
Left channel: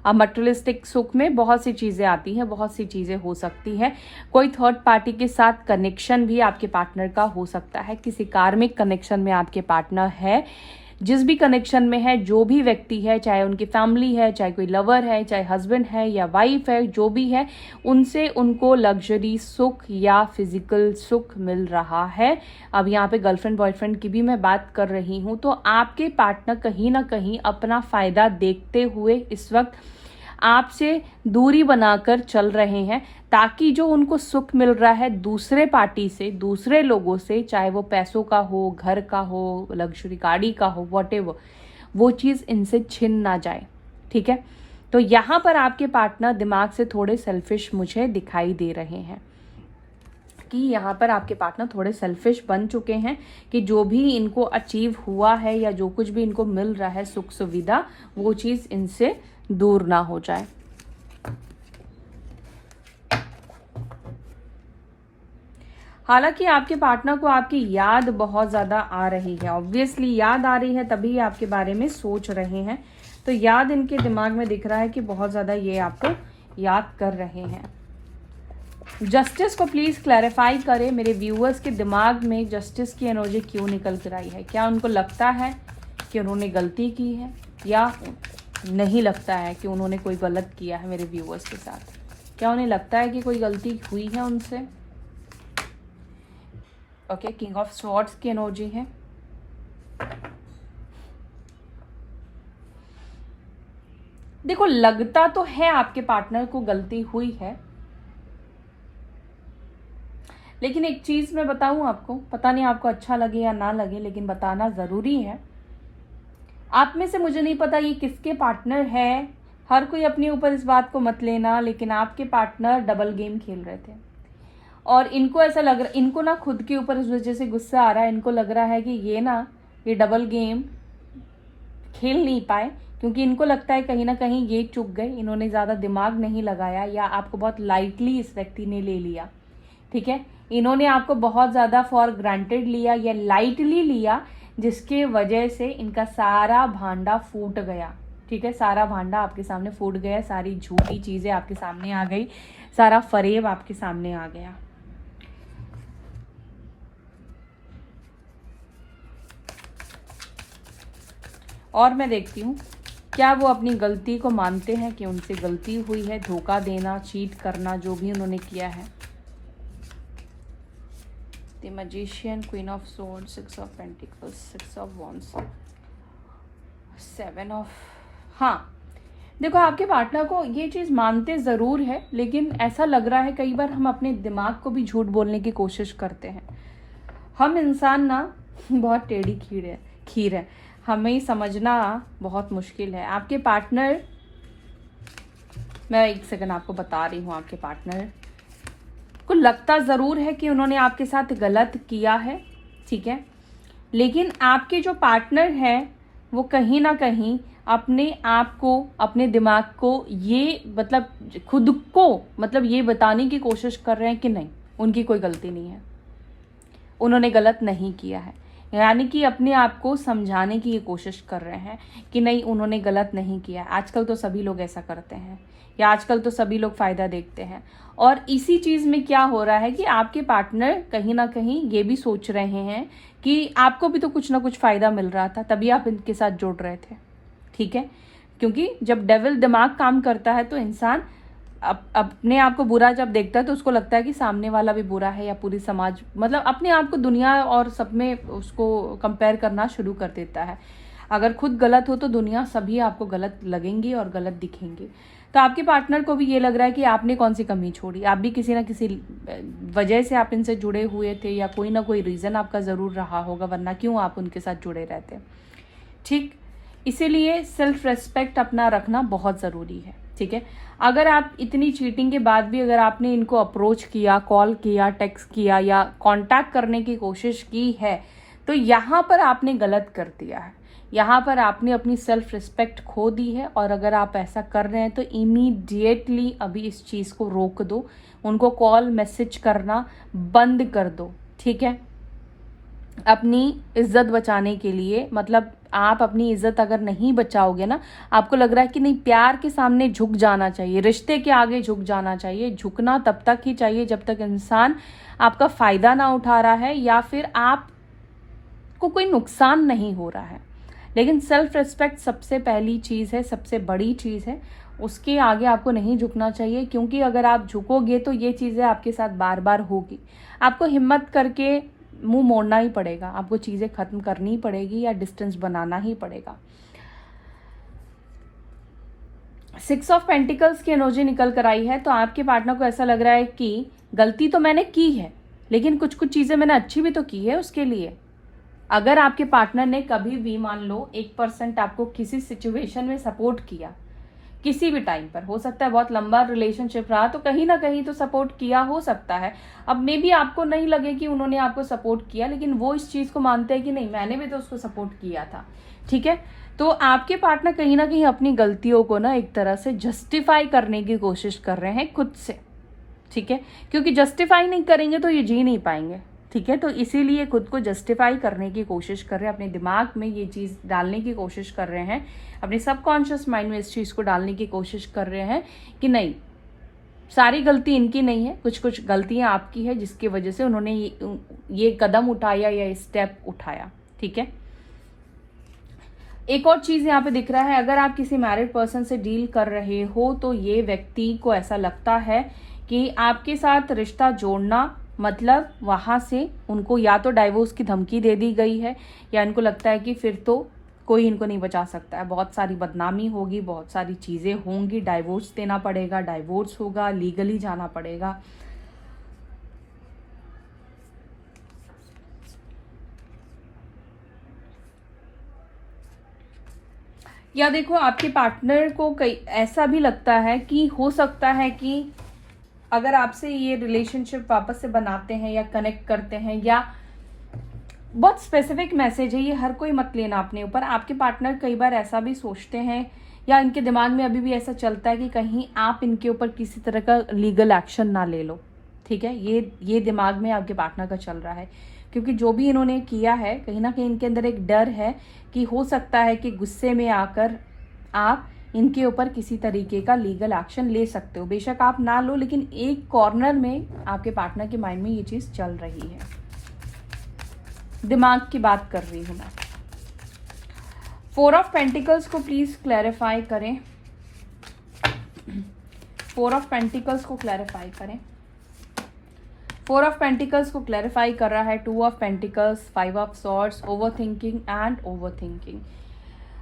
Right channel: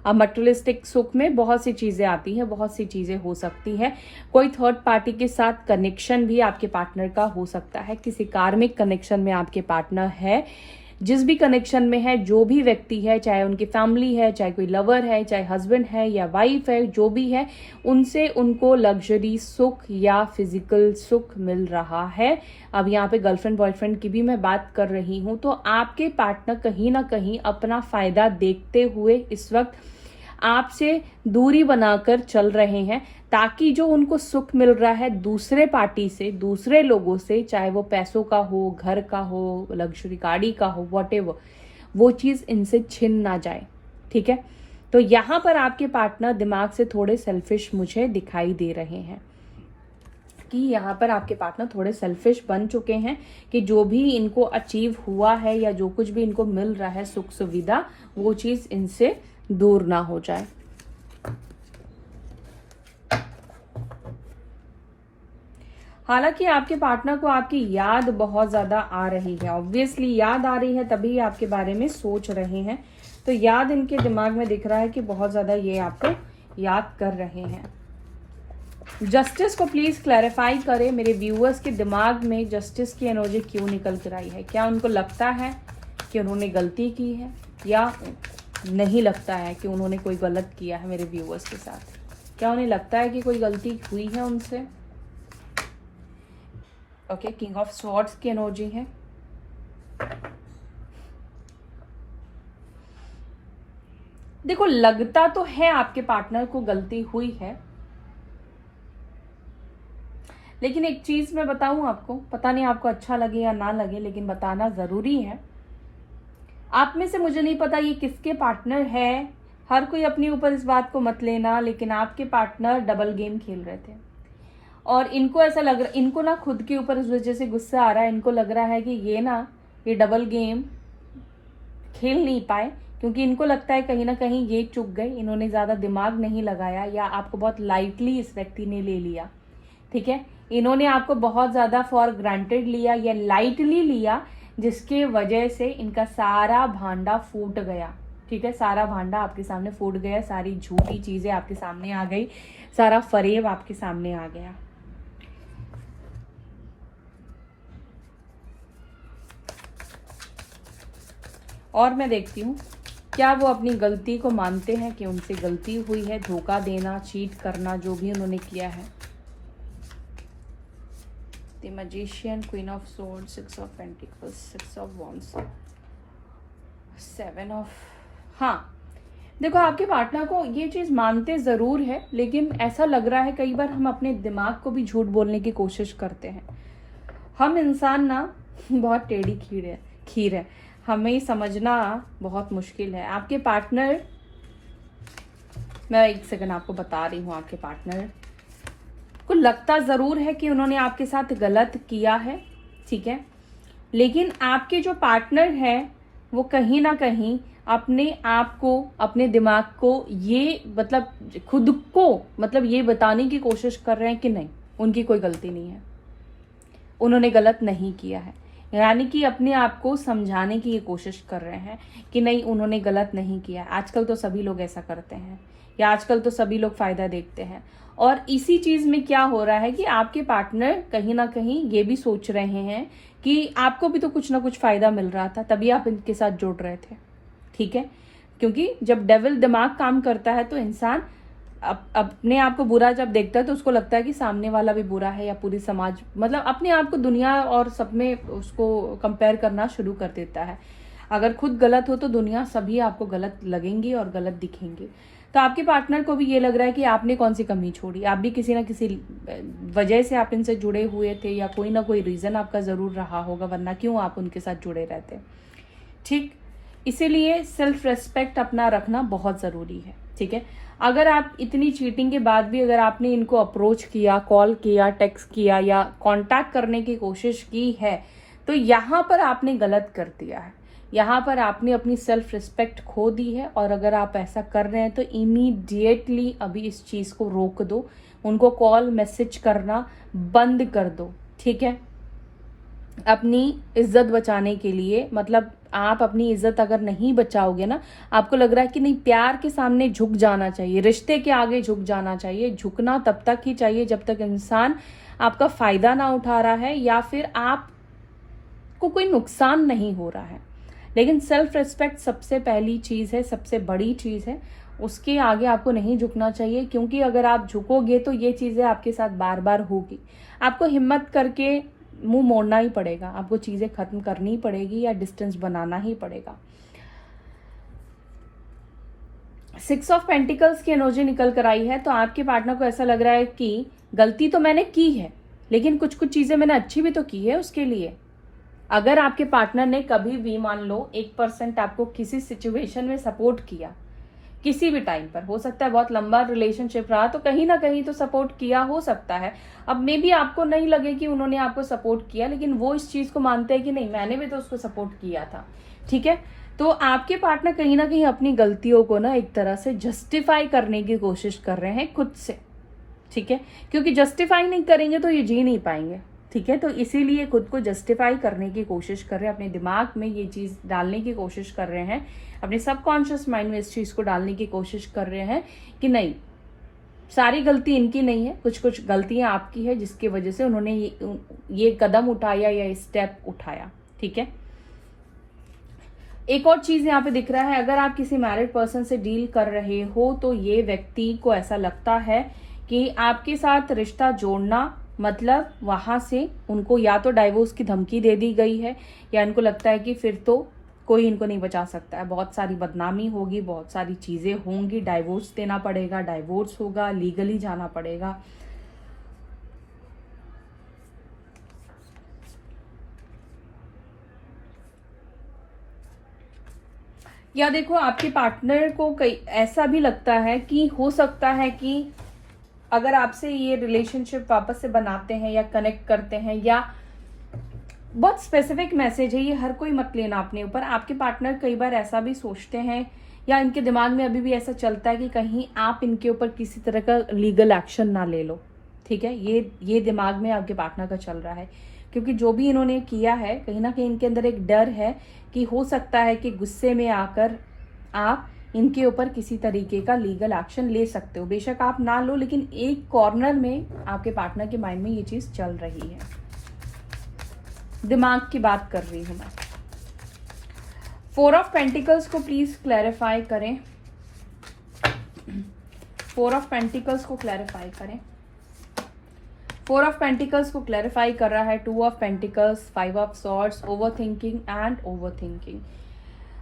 अब मटेरियलिस्टिक सुख में बहुत सी चीजें आती हैं, बहुत सी चीजें हो सकती है। कोई थर्ड पार्टी के साथ कनेक्शन भी आपके पार्टनर का हो सकता है, किसी कार्मिक कनेक्शन में आपके पार्टनर है। जिस भी कनेक्शन में है, जो भी व्यक्ति है, चाहे उनकी फैमिली है, चाहे कोई लवर है, चाहे हस्बैंड है या वाइफ है, जो भी है, उनसे उनको लग्जरी सुख या फिजिकल सुख मिल रहा है। अब यहाँ पे गर्लफ्रेंड बॉयफ्रेंड की भी मैं बात कर रही हूँ, तो आपके पार्टनर कहीं ना कहीं अपना फायदा देखते हुए इस वक्त आपसे दूरी बनाकर चल रहे हैं, ताकि जो उनको सुख मिल रहा है दूसरे पार्टी से, दूसरे लोगों से, चाहे वो पैसों का हो, घर का हो, लग्जरी गाड़ी का हो, वॉटेवर, वो चीज इनसे छिन ना जाए, ठीक है। तो यहाँ पर आपके पार्टनर दिमाग से थोड़े सेल्फिश मुझे दिखाई दे रहे हैं, कि यहाँ पर आपके पार्टनर थोड़े सेल्फिश बन चुके हैं, कि जो भी इनको अचीव हुआ है या जो कुछ भी इनको मिल रहा है सुख सुविधा, वो चीज इनसे दूर ना हो जाए। हालांकि आपके पार्टनर को आपकी याद बहुत ज्यादा आ रही है, ऑब्वियसली याद आ रही है, तभी आपके बारे में सोच रहे हैं। तो याद इनके दिमाग में दिख रहा है कि बहुत ज्यादा ये आपको याद कर रहे हैं। जस्टिस को प्लीज क्लैरिफाई करें, मेरे व्यूअर्स के दिमाग में जस्टिस की एनर्जी क्यों निकल कर आई है। क्या उनको लगता है कि उन्होंने गलती की है, या नहीं लगता है कि उन्होंने कोई गलत किया है मेरे व्यूअर्स के साथ? क्या उन्हें लगता है कि कोई गलती हुई है उनसे? ओके, किंग ऑफ स्वॉर्ड्स की एनर्जी है। देखो, लगता तो है आपके पार्टनर को गलती हुई है, लेकिन एक चीज मैं बताऊं आपको, पता नहीं आपको अच्छा लगे या ना लगे, लेकिन बताना जरूरी है। आप में से मुझे नहीं पता ये किसके पार्टनर है, हर कोई अपने ऊपर इस बात को मत लेना, लेकिन आपके पार्टनर डबल गेम खेल रहे थे और इनको ऐसा लग रहा, इनको ना खुद के ऊपर इस वजह से गुस्सा आ रहा है। इनको लग रहा है कि ये डबल गेम खेल नहीं पाए, क्योंकि इनको लगता है कहीं ना कहीं ये चुक गए, इन्होंने ज्यादा दिमाग नहीं लगाया, या आपको बहुत लाइटली इस व्यक्ति ने ले लिया, ठीक है। इन्होंने आपको बहुत ज्यादा फॉर ग्रांटेड लिया या लाइटली लिया, जिसकी वजह से इनका सारा भांडा फूट गया, ठीक है। सारा भांडा आपके सामने फूट गया, सारी झूठी चीजें आपके सामने आ गई, सारा फरेब आपके सामने आ गया। और मैं देखती हूँ क्या वो अपनी गलती को मानते हैं कि उनसे गलती हुई है, धोखा देना, चीट करना, जो भी उन्होंने किया है। The magician, queen of swords, 6 of pentacles, 6 of wands, 7 of, हाँ देखो, आपके पार्टनर को ये चीज मानते जरूर है, लेकिन ऐसा लग रहा है कई बार हम अपने दिमाग को भी झूठ बोलने की कोशिश करते हैं। हम इंसान ना बहुत टेढ़ी खीर है, हमें समझना बहुत मुश्किल है। आपके पार्टनर, मैं एक सेकंड आपको बता रही हूँ, आपके पार्टनर को लगता जरूर है कि उन्होंने आपके साथ गलत किया है, ठीक है, लेकिन आपके जो पार्टनर है वो कहीं ना कहीं अपने आप को, अपने दिमाग को ये मतलब खुद को मतलब ये बताने की कोशिश कर रहे हैं कि नहीं, उनकी कोई गलती नहीं है, उन्होंने गलत नहीं किया है। यानी कि अपने आप को समझाने की ये कोशिश कर रहे हैं कि नहीं, उन्होंने गलत नहीं किया। आजकल तो सभी लोग ऐसा करते हैं, या आजकल तो सभी लोग फायदा देखते हैं। और इसी चीज में क्या हो रहा है कि आपके पार्टनर कहीं ना कहीं ये भी सोच रहे हैं कि आपको भी तो कुछ ना कुछ फायदा मिल रहा था, तभी आप इनके साथ जुड़ रहे थे। ठीक है, क्योंकि जब डेविल दिमाग काम करता है तो इंसान अपने आप को बुरा जब देखता है तो उसको लगता है कि सामने वाला भी बुरा है, या पूरी समाज, मतलब अपने आप को दुनिया और सब में उसको कंपेयर करना शुरू कर देता है। अगर खुद गलत हो तो दुनिया सभी आपको गलत लगेंगी और गलत दिखेंगी। तो आपके पार्टनर को भी ये लग रहा है कि आपने कौन सी कमी छोड़ी, आप भी किसी ना किसी वजह से आप इनसे जुड़े हुए थे, या कोई ना कोई रीज़न आपका ज़रूर रहा होगा, वरना क्यों आप उनके साथ जुड़े रहते। ठीक, इसीलिए सेल्फ रेस्पेक्ट अपना रखना बहुत ज़रूरी है। ठीक है, अगर आप इतनी चीटिंग के बाद भी अगर आपने इनको अप्रोच किया, कॉल किया, टेक्स्ट किया या कांटेक्ट करने की कोशिश की है, तो यहाँ पर आपने गलत कर दिया है। यहाँ पर आपने अपनी सेल्फ रिस्पेक्ट खो दी है। और अगर आप ऐसा कर रहे हैं तो इमीडिएटली अभी इस चीज़ को रोक दो, उनको कॉल मैसेज करना बंद कर दो। ठीक है, अपनी इज्जत बचाने के लिए, मतलब आप अपनी इज्जत अगर नहीं बचाओगे ना, आपको लग रहा है कि नहीं, प्यार के सामने झुक जाना चाहिए, रिश्ते के आगे झुक जाना चाहिए। झुकना तब तक ही चाहिए जब तक इंसान आपका फायदा ना उठा रहा है या फिर आपको कोई नुकसान नहीं हो रहा है। लेकिन सेल्फ रिस्पेक्ट सबसे पहली चीज़ है, सबसे बड़ी चीज़ है, उसके आगे आपको नहीं झुकना चाहिए। क्योंकि अगर आप झुकोगे तो ये चीज़ें आपके साथ बार बार होगी। आपको हिम्मत करके मुंह मोड़ना ही पड़ेगा, आपको चीज़ें खत्म करनी पड़ेगी या डिस्टेंस बनाना ही पड़ेगा। 6 ऑफ पेंटिकल्स की एनर्जी निकल कर आई है, तो आपके पार्टनर को ऐसा लग रहा है कि गलती तो मैंने की है, लेकिन कुछ कुछ चीज़ें मैंने अच्छी भी तो की है उसके लिए। अगर आपके पार्टनर ने कभी भी मान लो 1% आपको किसी सिचुएशन में सपोर्ट किया, किसी भी टाइम पर, हो सकता है बहुत लंबा रिलेशनशिप रहा तो कहीं ना कहीं तो सपोर्ट किया हो सकता है। अब मे बी आपको नहीं लगे कि उन्होंने आपको सपोर्ट किया, लेकिन वो इस चीज को मानते हैं कि नहीं, मैंने भी तो उसको सपोर्ट किया था। ठीक है, तो आपके पार्टनर कहीं ना कहीं अपनी गलतियों को ना एक तरह से जस्टिफाई करने की कोशिश कर रहे हैं खुद से। ठीक है, क्योंकि जस्टिफाई नहीं करेंगे तो ये जी नहीं पाएंगे। ठीक है, तो इसीलिए खुद को जस्टिफाई करने की कोशिश कर रहे हैं, अपने दिमाग में ये चीज़ डालने की कोशिश कर रहे हैं, अपने सबकॉन्शियस माइंड में इस चीज़ को डालने की कोशिश कर रहे हैं कि नहीं, सारी गलती इनकी नहीं है, कुछ कुछ गलतियां आपकी है जिसकी वजह से उन्होंने ये कदम उठाया या स्टेप उठाया। ठीक है, एक और चीज यहाँ पे दिख रहा है, अगर आप किसी मैरिड पर्सन से डील कर रहे हो तो ये व्यक्ति को ऐसा लगता है कि आपके साथ रिश्ता जोड़ना मतलब वहां से उनको या तो डाइवोर्स की धमकी दे दी गई है, या इनको लगता है कि फिर तो कोई इनको नहीं बचा सकता है, बहुत सारी बदनामी होगी, बहुत सारी चीजें होंगी, डाइवोर्स देना पड़ेगा, डाइवोर्स होगा, लीगली जाना पड़ेगा। या देखो, आपके पार्टनर को कई ऐसा भी लगता है कि हो सकता है कि अगर आपसे ये रिलेशनशिप वापस से बनाते हैं या कनेक्ट करते हैं, या बहुत स्पेसिफिक मैसेज है ये, हर कोई मत लेना अपने ऊपर, आपके पार्टनर कई बार ऐसा भी सोचते हैं या इनके दिमाग में अभी भी ऐसा चलता है कि कहीं आप इनके ऊपर किसी तरह का लीगल एक्शन ना ले लो। ठीक है, ये दिमाग में आपके पार्टनर का चल रहा है, क्योंकि जो भी इन्होंने किया है कहीं ना कहीं इनके अंदर एक डर है कि हो सकता है कि गुस्से में आकर आप इनके ऊपर किसी तरीके का लीगल एक्शन ले सकते हो। बेशक आप ना लो, लेकिन एक कॉर्नर में आपके पार्टनर के माइंड में ये चीज चल रही है, दिमाग की बात कर रही हूं मैं। 4 ऑफ पेंटिकल्स को प्लीज क्लैरिफाई करें, 4 ऑफ पेंटिकल्स को क्लैरिफाई करें। 4 ऑफ पेंटिकल्स को क्लैरिफाई कर रहा है 2 of pentacles, 5 of swords, over thinking and over thinking.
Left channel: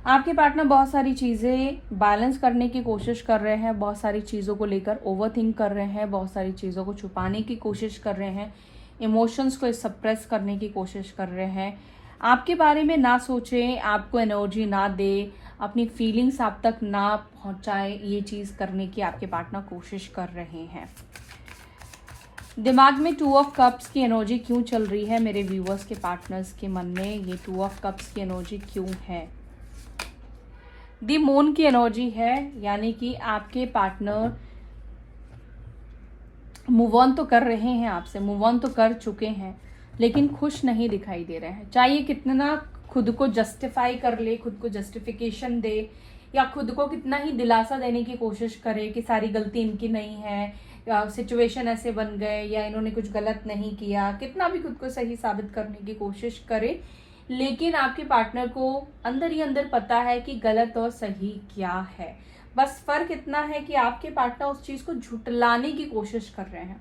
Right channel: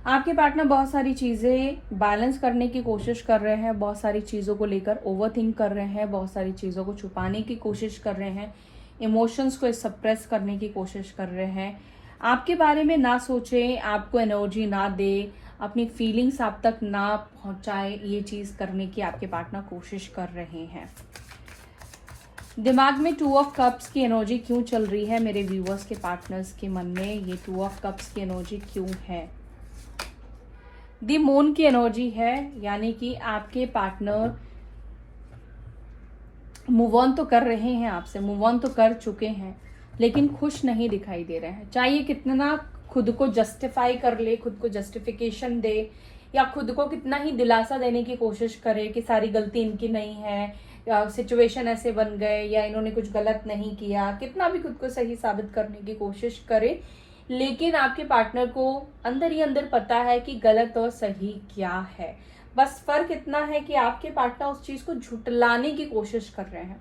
आपके पार्टनर बहुत सारी चीज़ें बैलेंस करने की कोशिश कर रहे हैं, बहुत सारी चीज़ों को लेकर ओवर थिंक कर रहे हैं, बहुत सारी चीज़ों को छुपाने की कोशिश कर रहे हैं, इमोशंस को सप्रेस करने की कोशिश कर रहे हैं, आपके बारे में ना सोचें, आपको एनर्जी ना दे, अपनी फीलिंग्स आप तक ना पहुंचाए, ये चीज़ करने की आपके पार्टनर कोशिश कर रहे हैं। दिमाग में 2 ऑफ कप्स की एनर्जी क्यों चल रही है मेरे व्यूअर्स के पार्टनर्स के मन में, ये 2 ऑफ कप्स की एनर्जी क्यों है? दी मून की एनर्जी है, यानी कि आपके पार्टनर मूव ऑन तो कर रहे हैं आपसे, मूव ऑन तो कर चुके हैं, लेकिन खुश नहीं दिखाई दे रहे हैं। चाहे कितना खुद को जस्टिफाई कर ले, खुद को जस्टिफिकेशन दे या खुद को कितना ही दिलासा देने की कोशिश करे कि सारी गलती इनकी नहीं है, सिचुएशन ऐसे बन गए, या इन्होंने कुछ गलत नहीं किया, कितना भी खुद को सही साबित करने की कोशिश करे, लेकिन आपके पार्टनर को अंदर ही अंदर पता है कि गलत और सही क्या है। बस फर्क इतना है कि आपके पार्टनर उस चीज को झुटलाने की कोशिश कर रहे हैं।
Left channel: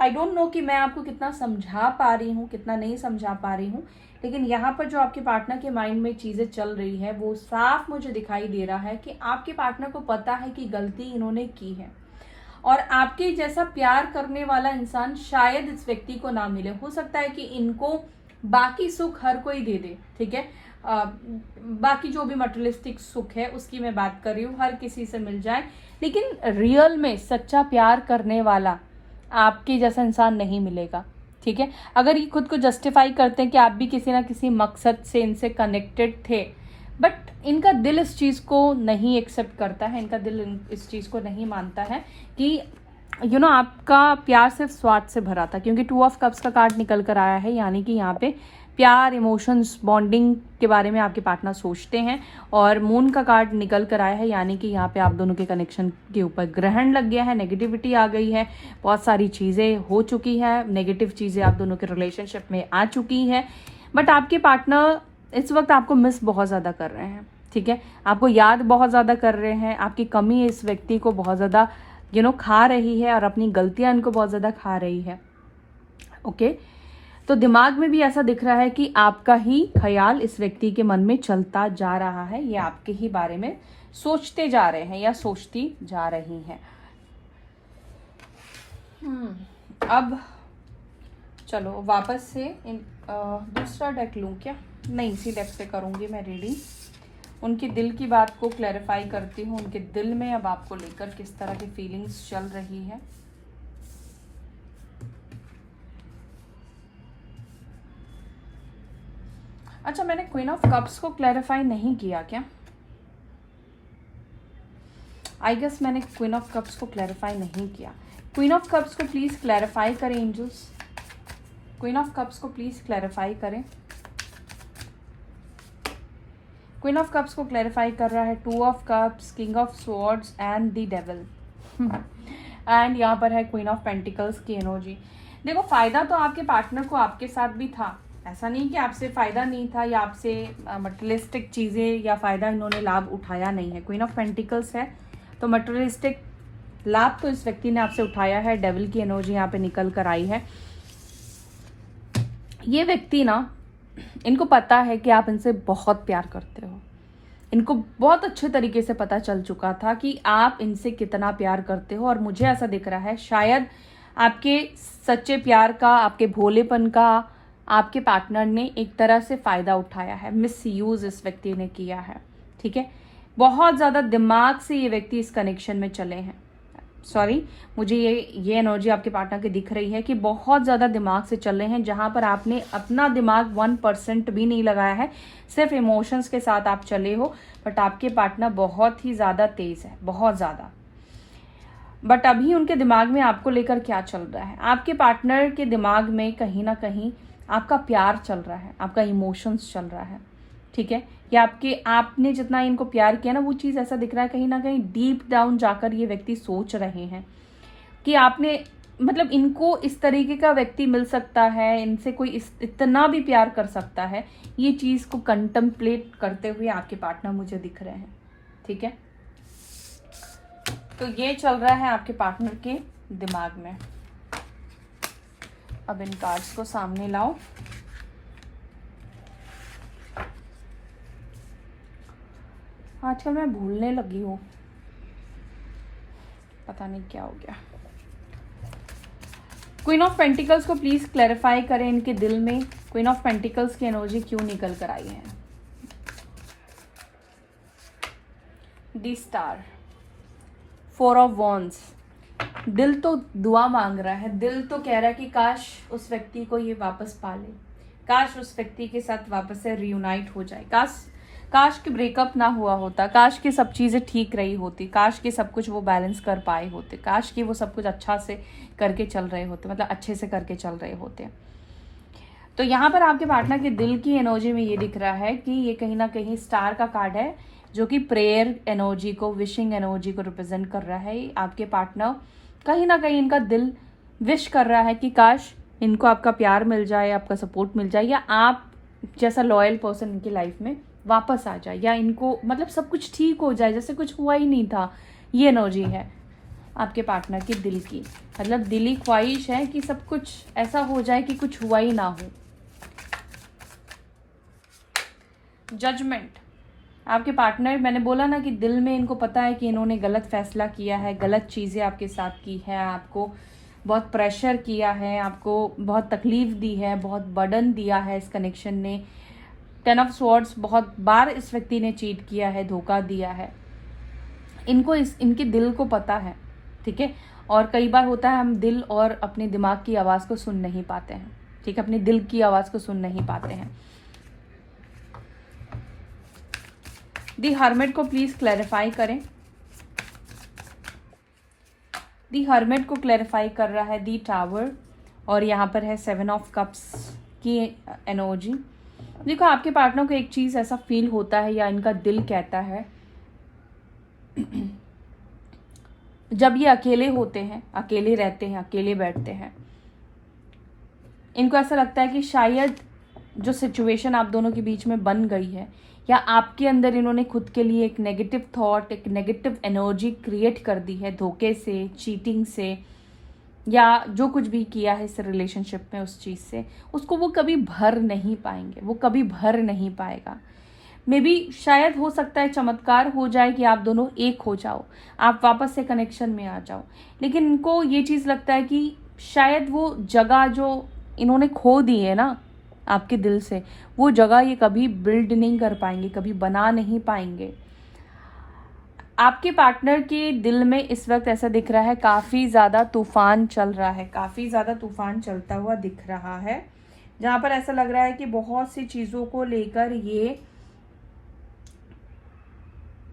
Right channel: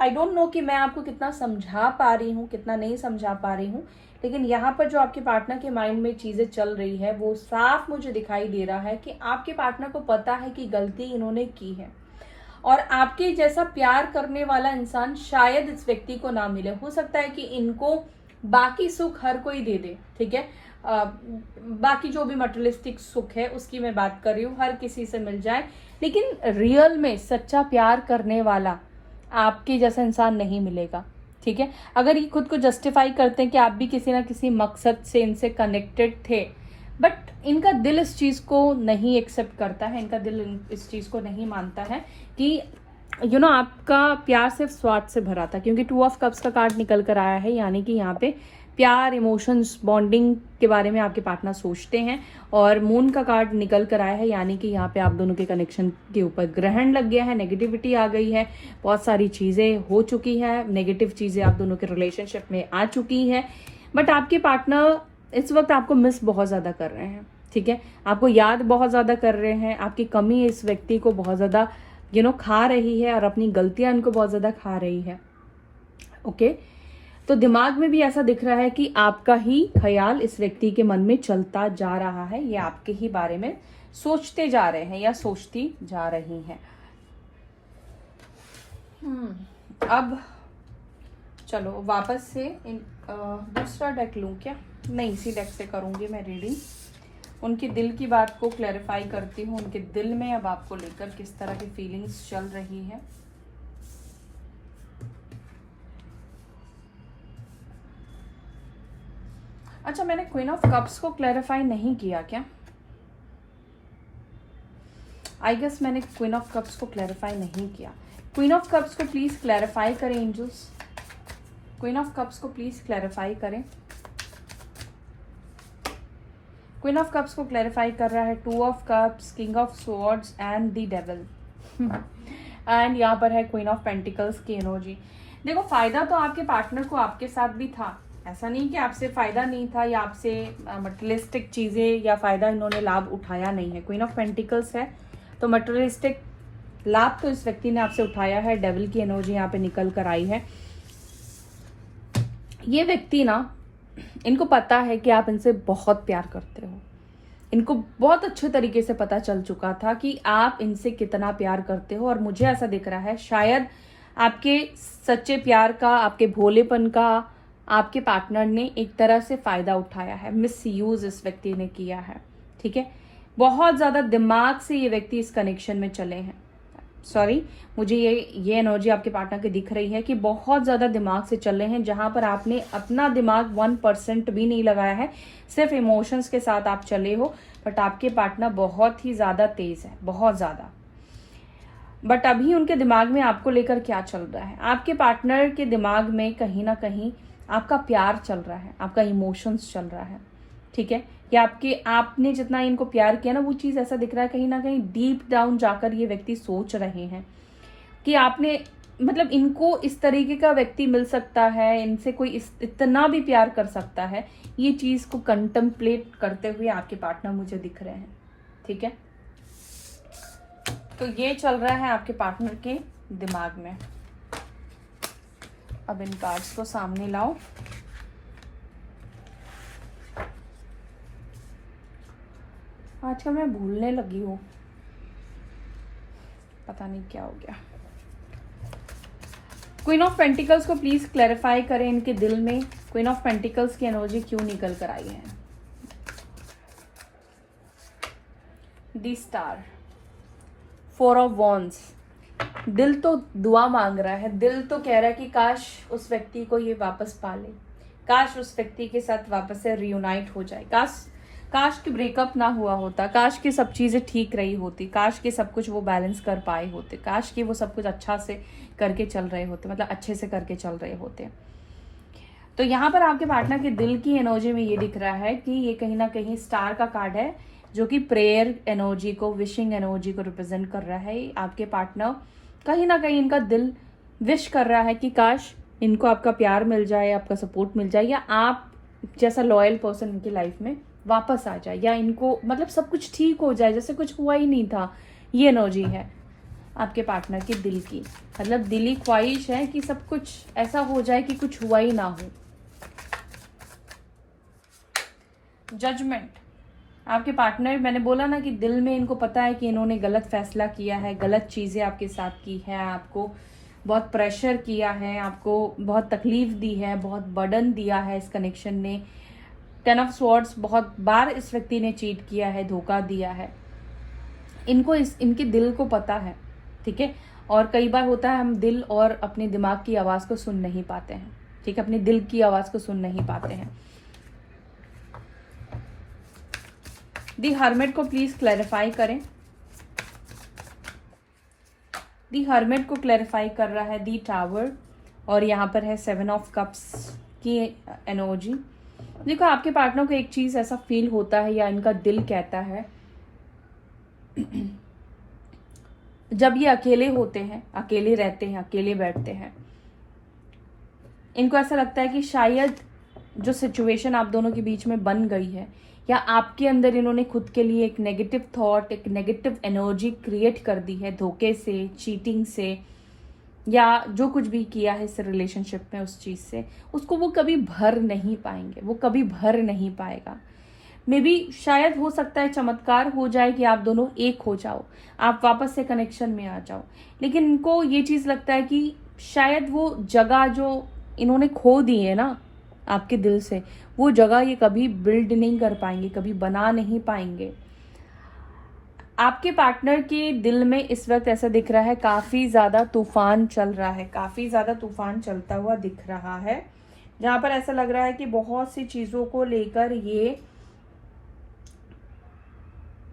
आई डोंट नो कि मैं आपको कितना समझा पा रही हूँ, कितना नहीं समझा पा रही हूँ, लेकिन यहाँ पर जो आपके पार्टनर के माइंड में चीजें चल रही है वो साफ मुझे दिखाई दे रहा है कि आपके पार्टनर को पता है कि गलती इन्होंने की है, और आपके जैसा प्यार करने वाला इंसान शायद इस व्यक्ति को ना मिले। हो सकता है कि इनको बाकी सुख हर कोई दे दे, ठीक है, बाकी जो भी मटेरियलिस्टिक सुख है उसकी मैं बात कर रही हूँ, हर किसी से मिल जाए, लेकिन रियल में सच्चा प्यार करने वाला आपके जैसा इंसान नहीं मिलेगा, ठीक है। अगर ये खुद को जस्टिफाई करते हैं कि आप भी किसी ना किसी मकसद से इनसे कनेक्टेड थे, बट इनका दिल इस चीज को नहीं एक्सेप्ट करता है, इनका दिल इस चीज को नहीं मानता है कि आपका प्यार सिर्फ स्वार्थ से भरा था, क्योंकि 2 ऑफ कप्स का कार्ड निकल कर आया है, यानी कि यहाँ पे प्यार, इमोशंस, बॉन्डिंग के बारे में आपके पार्टनर सोचते हैं, और मून का कार्ड निकल कर आया है, यानी कि यहाँ पे आप दोनों के कनेक्शन के ऊपर ग्रहण लग गया है, नेगेटिविटी आ गई है, बहुत सारी चीज़ें हो चुकी है, नेगेटिव चीज़ें आप दोनों के रिलेशनशिप में आ चुकी है, बट आपके पार्टनर इस वक्त आपको मिस बहुत ज़्यादा कर रहे हैं, ठीक है, आपको याद बहुत ज़्यादा कर रहे हैं, आपकी कमी इस व्यक्ति को बहुत ज़्यादा खा रही है, और अपनी गलतियां इनको बहुत ज़्यादा खा रही है, ओके। तो दिमाग में भी ऐसा दिख रहा है कि आपका ही ख्याल इस व्यक्ति के मन में चलता जा रहा है, ये आपके ही बारे में सोचते जा रहे हैं या सोचती जा रही हैं। अब चलो वापस से दूसरा डेक लूं क्या? नहीं, इसी डेक से करूंगी मैं रीडिंग। उनके दिल की बात को क्लैरिफाई करती हूँ, उनके दिल में अब आपको लेकर किस तरह की फीलिंग्स चल रही है। अच्छा, मैंने क्वीन ऑफ कप्स को क्लैरिफाई नहीं किया क्या? आई गेस मैंने क्वीन ऑफ कप्स को क्लैरिफाई नहीं किया। क्वीन ऑफ कप्स को प्लीज क्लैरिफाई करें एंजल्स, क्वीन ऑफ कप्स को प्लीज क्लैरिफाई करें। क्वीन ऑफ कप्स को क्लैरिफाई कर रहा है 2 of cups, king of swords and the devil, and यहाँ पर है क्वीन ऑफ पेंटिकल्स की एनर्जी। देखो, फायदा तो आपके पार्टनर को आपके साथ भी था, ऐसा नहीं कि आपसे फायदा नहीं था या आपसे मटेरियलिस्टिक चीजें या फायदा इन्होंने लाभ उठाया नहीं है। क्वीन ऑफ पेंटिकल्स है तो मटेरियलिस्टिक लाभ तो इस व्यक्ति ने आपसे उठाया है। डेविल की एनर्जी यहाँ पे निकल कर आई है। ये व्यक्ति ना, इनको पता है कि आप इनसे बहुत प्यार करते हो, इनको बहुत अच्छे तरीके से पता चल चुका था कि आप इनसे कितना प्यार करते हो, और मुझे ऐसा दिख रहा है शायद आपके सच्चे प्यार का, आपके भोलेपन का आपके पार्टनर ने एक तरह से फायदा उठाया है, मिस यूज इस व्यक्ति ने किया है, ठीक है। बहुत ज्यादा दिमाग से ये व्यक्ति इस कनेक्शन में चले हैं। सॉरी, मुझे ये एनर्जी आपके पार्टनर की दिख रही है कि बहुत ज्यादा दिमाग से चल रहे हैं, जहां पर आपने अपना दिमाग 1% भी नहीं लगाया है, सिर्फ इमोशंस के साथ आप चले हो। बट आपके पार्टनर बहुत ही ज्यादा तेज है, बहुत ज्यादा। बट अभी उनके दिमाग में आपको लेकर क्या चल रहा है? आपके पार्टनर के दिमाग में कहीं ना कहीं आपका प्यार चल रहा है, आपका इमोशंस चल रहा है, ठीक है। या आपने जितना इनको प्यार किया ना, वो चीज ऐसा दिख रहा है कहीं ना कहीं डीप डाउन जाकर ये व्यक्ति सोच रहे हैं कि आपने, मतलब इनको इस तरीके का व्यक्ति मिल सकता है, इनसे कोई इतना भी प्यार कर सकता है, ये चीज को कंटेम्पलेट करते हुए आपके पार्टनर मुझे दिख रहे हैं, ठीक है। तो ये चल रहा है आपके पार्टनर के दिमाग में। अब इन कार्ड्स को सामने लाओ। आजकल मैं भूलने लगी हूँ, पता नहीं क्या हो गया। क्वीन ऑफ पेंटिकल्स को प्लीज क्लैरिफाई करें, इनके दिल में क्वीन ऑफ पेंटिकल्स की एनर्जी क्यों निकल कर आई है। The star, 4 of wands. दिल तो दुआ मांग रहा है, दिल तो कह रहा है कि काश उस व्यक्ति को ये वापस पा ले, काश उस व्यक्ति के साथ वापस से रियूनाइट हो जाए, काश कि ब्रेकअप ना हुआ होता, काश कि सब चीजें ठीक रही होती, काश कि सब कुछ वो बैलेंस कर पाए होते, काश कि वो सब कुछ अच्छा से करके चल रहे होते, मतलब अच्छे से करके चल रहे होते। तो यहाँ पर आपके पार्टनर के दिल की एनर्जी में ये दिख रहा है कि ये कहीं ना कहीं स्टार का कार्ड है, जो कि प्रेयर एनर्जी को, विशिंग एनर्जी को रिप्रेजेंट कर रहा है। आपके पार्टनर कहीं ना कहीं इनका दिल विश कर रहा है कि काश इनको आपका प्यार मिल जाए, आपका सपोर्ट मिल जाए, या आप जैसा लॉयल पर्सन इनकी लाइफ में वापस आ जाए, या इनको मतलब सब कुछ ठीक हो जाए जैसे कुछ हुआ ही नहीं था। ये एनर्जी है आपके पार्टनर के दिल की, मतलब दिली ख्वाहिश है कि सब कुछ ऐसा हो जाए कि कुछ हुआ ही ना हो। जजमेंट, आपके पार्टनर, मैंने बोला ना कि दिल में इनको पता है कि इन्होंने गलत फैसला किया है, गलत चीज़ें आपके साथ की है, आपको बहुत प्रेशर किया है, आपको बहुत तकलीफ दी है, बहुत बर्डन दिया है इस कनेक्शन ने। 10 ऑफ स्वॉर्ड्स, बहुत बार इस व्यक्ति ने चीट किया है, धोखा दिया है। इनको इनके दिल को पता है, ठीक है। और कई बार होता है हम दिल और अपने दिमाग की आवाज़ को सुन नहीं पाते हैं, ठीक है, अपने दिल की आवाज़ को सुन नहीं पाते हैं। दी हर्मिट को प्लीज क्लैरिफाई करें। दी हर्मिट को क्लैरिफाई कर रहा है दी टावर, और यहाँ पर है 7 ऑफ कप्स की एनर्जी। देखो, आपके पार्टनर को एक चीज ऐसा फील होता है, या इनका दिल कहता है, जब ये अकेले होते हैं, अकेले रहते हैं, अकेले बैठते हैं, इनको ऐसा लगता है कि शायद जो सिचुएशन आप दोनों के बीच में बन गई है, या आपके अंदर इन्होंने खुद के लिए एक नेगेटिव थॉट, एक नेगेटिव एनर्जी क्रिएट कर दी है, धोखे से, चीटिंग से, या जो कुछ भी किया है इस रिलेशनशिप में उस चीज़ से, उसको वो कभी भर नहीं पाएंगे, वो कभी भर नहीं पाएगा। मे बी शायद हो सकता है चमत्कार हो जाए कि आप दोनों एक हो जाओ, आप वापस से कनेक्शन में आ जाओ, लेकिन इनको ये चीज़ लगता है कि शायद वो जगह जो इन्होंने खो दी है ना आपके दिल से, वो जगह ये कभी बिल्ड नहीं कर पाएंगे, कभी बना नहीं पाएंगे। आपके पार्टनर के दिल में इस वक्त ऐसा दिख रहा है काफ़ी ज़्यादा तूफान चल रहा है, काफ़ी ज़्यादा तूफान चलता हुआ दिख रहा है, जहाँ पर ऐसा लग रहा है कि बहुत सी चीज़ों को लेकर ये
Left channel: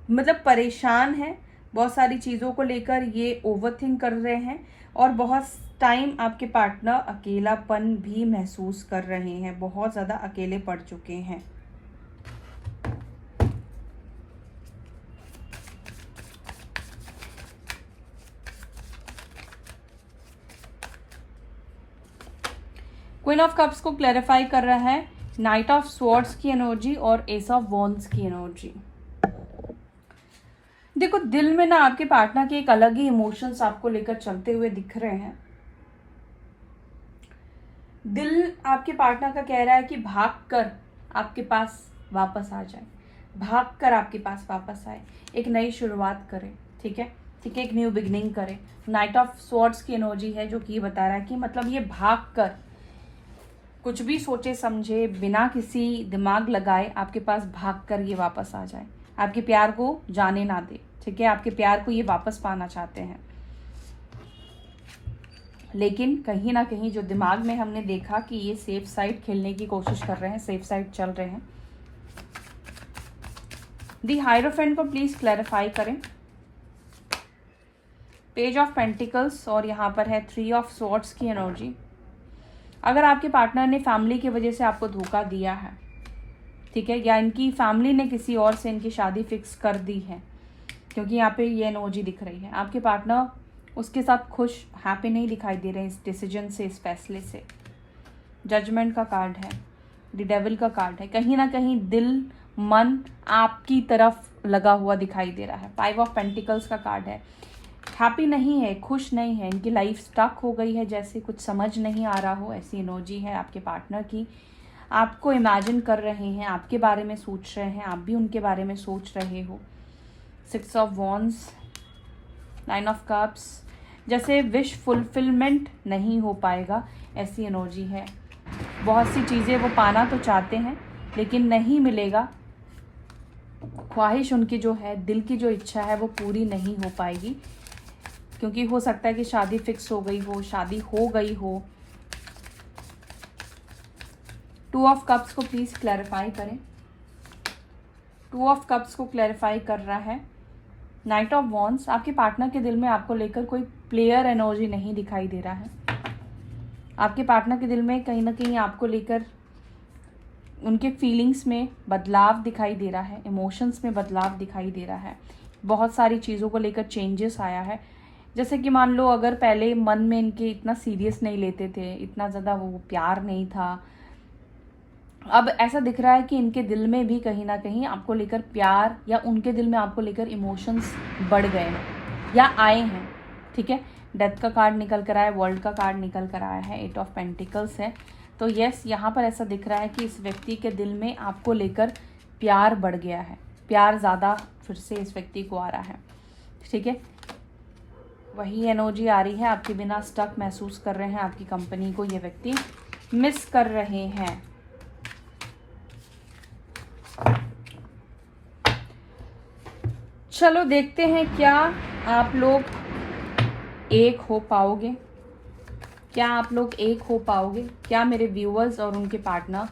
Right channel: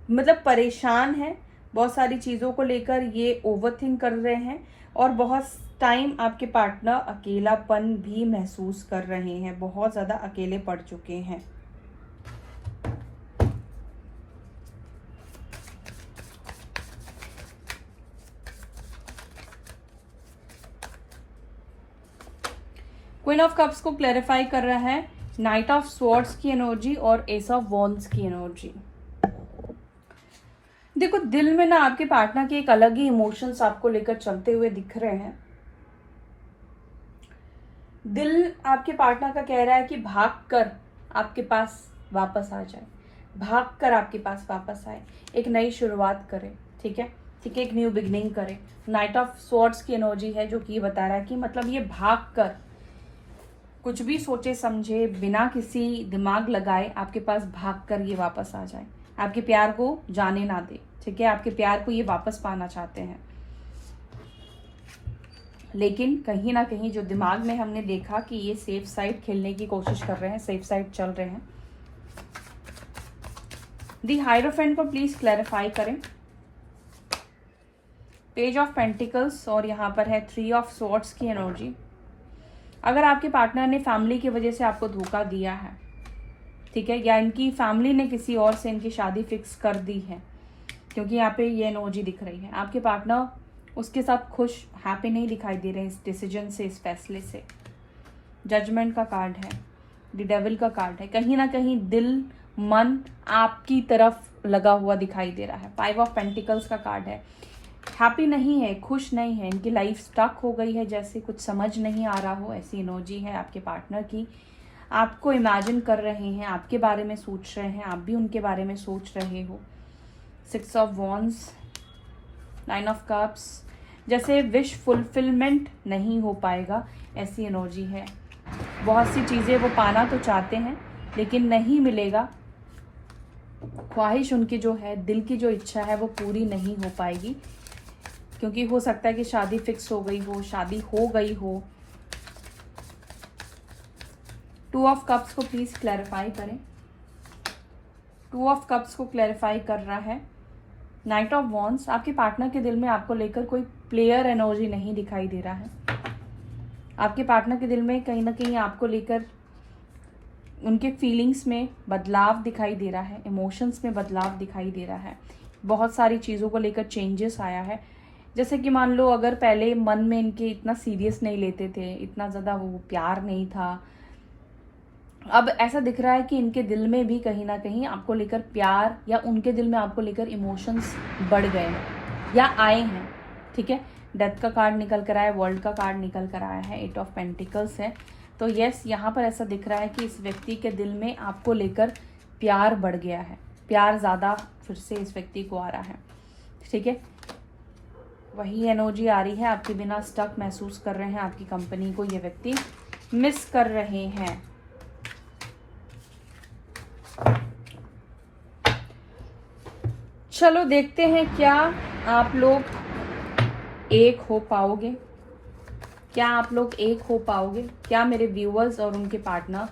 मतलब परेशान है, बहुत सारी चीज़ों को लेकर ये ओवरथिंक कर रहे हैं, और बहुत टाइम आपके पार्टनर अकेलापन भी महसूस कर रहे हैं, बहुत ज़्यादा अकेले पड़ चुके हैं। क्वीन ऑफ कप्स को क्लैरिफाई कर रहा है नाइट ऑफ स्वॉर्ड्स की एनर्जी और एस ऑफ वॉन्ड्स की एनर्जी। देखो, दिल में ना आपके पार्टनर के एक अलग ही इमोशंस आपको लेकर चलते हुए दिख रहे हैं। दिल आपके पार्टनर का कह रहा है कि भागकर आपके पास वापस आ जाए, भागकर आपके पास वापस आए, एक नई शुरुआत करे, ठीक है, ठीक है, एक न्यू बिगनिंग करे। नाइट ऑफ स्वॉर्ड्स की एनर्जी है जो कि ये बता रहा है कि मतलब ये भागकर, कुछ भी सोचे समझे, बिना किसी दिमाग लगाए आपके पास भागकर ये वापस आ जाए, आपके प्यार को जाने ना दे, ठीक है, आपके प्यार को ये वापस पाना चाहते हैं। लेकिन कहीं ना कहीं जो दिमाग में हमने देखा कि ये सेफ साइड खेलने की कोशिश कर रहे हैं, सेफ साइड चल रहे हैं। दी हायरोफेंट को प्लीज क्लैरिफाई करें। पेज ऑफ पेंटिकल्स, और यहाँ पर है 3 ऑफ स्वॉर्ड्स की एनर्जी। अगर आपके पार्टनर ने फैमिली की वजह से आपको धोखा दिया है, ठीक है, या इनकी फैमिली ने किसी और से इनकी शादी फिक्स कर दी है, क्योंकि यहाँ पे ये एनर्जी दिख रही है, आपके पार्टनर उसके साथ खुश, हैप्पी नहीं दिखाई दे रहे हैं इस डिसीजन से, इस फैसले से। जजमेंट का कार्ड है, द डेविल का कार्ड है, कहीं ना कहीं दिल मन आपकी तरफ लगा हुआ दिखाई दे रहा है। 5 ऑफ पेंटिकल्स का कार्ड है, हैप्पी नहीं है, खुश नहीं है, इनकी लाइफ स्टक हो गई है, जैसे कुछ समझ नहीं आ रहा हो, ऐसी एनर्जी है आपके पार्टनर की। आपको इमेजिन कर रहे हैं, आपके बारे में सोच रहे हैं, आप भी उनके बारे में सोच रहे हो। 6 ऑफ वॉन्ड्स, 9 ऑफ कप्स, जैसे विश फुलफिलमेंट नहीं हो पाएगा, ऐसी एनर्जी है। बहुत सी चीज़ें वो पाना तो चाहते हैं लेकिन नहीं मिलेगा, ख्वाहिश उनकी जो है, दिल की जो इच्छा है वो पूरी नहीं हो पाएगी, क्योंकि हो सकता है कि शादी फिक्स हो गई हो, शादी हो गई हो। 2 ऑफ कप्स को प्लीज क्लैरिफाई करें। 2 ऑफ कप्स को क्लैरिफाई कर रहा है नाइट ऑफ वॉन्ड्स। आपके पार्टनर के दिल में आपको लेकर कोई प्लेयर एनर्जी नहीं दिखाई दे रहा है। आपके पार्टनर के दिल में कहीं ना कहीं आपको लेकर उनके फीलिंग्स में बदलाव दिखाई दे रहा है, इमोशंस में बदलाव दिखाई दे रहा है, बहुत सारी चीज़ों को लेकर चेंजेस आया है। जैसे कि मान लो अगर पहले मन में इनके इतना सीरियस नहीं लेते थे, इतना ज़्यादा वो प्यार नहीं था, अब ऐसा दिख रहा है कि इनके दिल में भी कहीं ना कहीं आपको लेकर प्यार, या उनके दिल में आपको लेकर इमोशंस बढ़ गए हैं या आए हैं। ठीक है, डेथ का कार्ड निकल कर आया, वर्ल्ड का कार्ड निकल कर आया है, 8 ऑफ पेंटिकल्स है। तो यस, यहाँ पर ऐसा दिख रहा है कि इस व्यक्ति के दिल में आपको लेकर प्यार बढ़ गया है, प्यार ज़्यादा फिर से इस व्यक्ति को आ रहा है। ठीक है, वही एनर्जी आ रही है, आपके बिना स्टक महसूस कर रहे हैं, आपकी कंपनी को ये व्यक्ति मिस कर रहे हैं। चलो देखते हैं क्या आप लोग एक हो पाओगे, क्या आप लोग एक हो पाओगे, क्या मेरे व्यूअर्स और उनके पार्टनर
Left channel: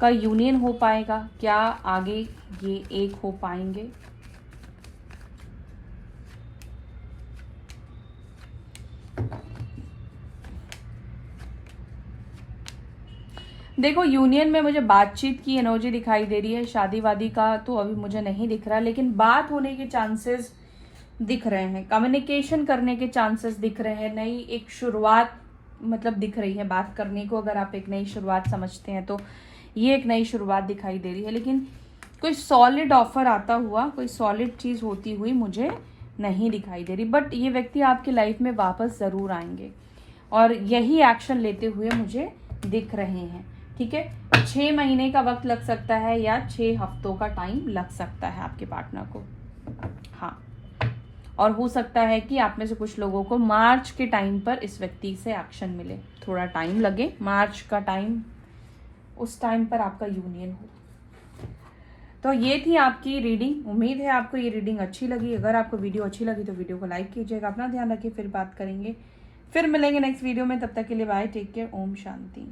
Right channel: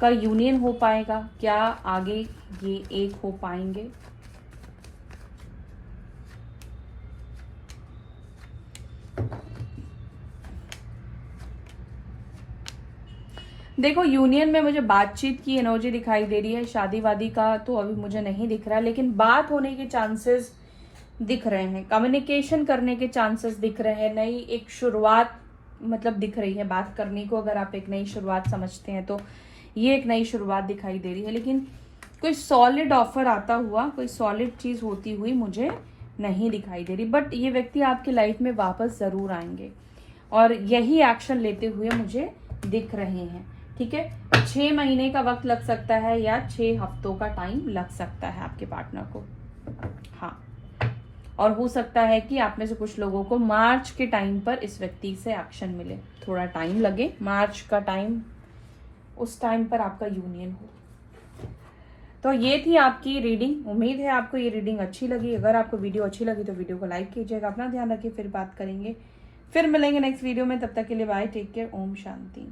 का यूनियन हो पाएगा, क्या आगे ये एक हो पाएंगे। देखो, यूनियन में मुझे बातचीत की एनर्जी दिखाई दे रही है, शादी वादी का तो अभी मुझे नहीं दिख रहा, लेकिन बात होने के चांसेस दिख रहे हैं, कम्युनिकेशन करने के चांसेस दिख रहे हैं, नई एक शुरुआत मतलब दिख रही है। बात करने को अगर आप एक नई शुरुआत समझते हैं तो ये एक नई शुरुआत दिखाई दे रही है, लेकिन कोई सॉलिड ऑफर आता हुआ, कोई सॉलिड चीज होती हुई मुझे नहीं दिखाई दे रही। बट ये व्यक्ति आपकी लाइफ में वापस जरूर आएंगे और यही एक्शन लेते हुए मुझे दिख रहे हैं। ठीक है, 6 महीने का वक्त लग सकता है या 6 हफ्तों का टाइम लग सकता है आपके पार्टनर को। हाँ, और हो सकता है कि आप में से कुछ लोगों को मार्च के टाइम पर इस व्यक्ति से एक्शन मिले, थोड़ा टाइम लगे, मार्च का टाइम, उस टाइम पर आपका यूनियन हो। तो ये थी आपकी रीडिंग। उम्मीद है आपको ये रीडिंग अच्छी लगी। अगर आपको वीडियो अच्छी लगी तो वीडियो को लाइक कीजिएगा। अपना ध्यान रखिए, फिर बात करेंगे, फिर मिलेंगे नेक्स्ट वीडियो में। तब तक के लिए bye, take care, Om Shanti.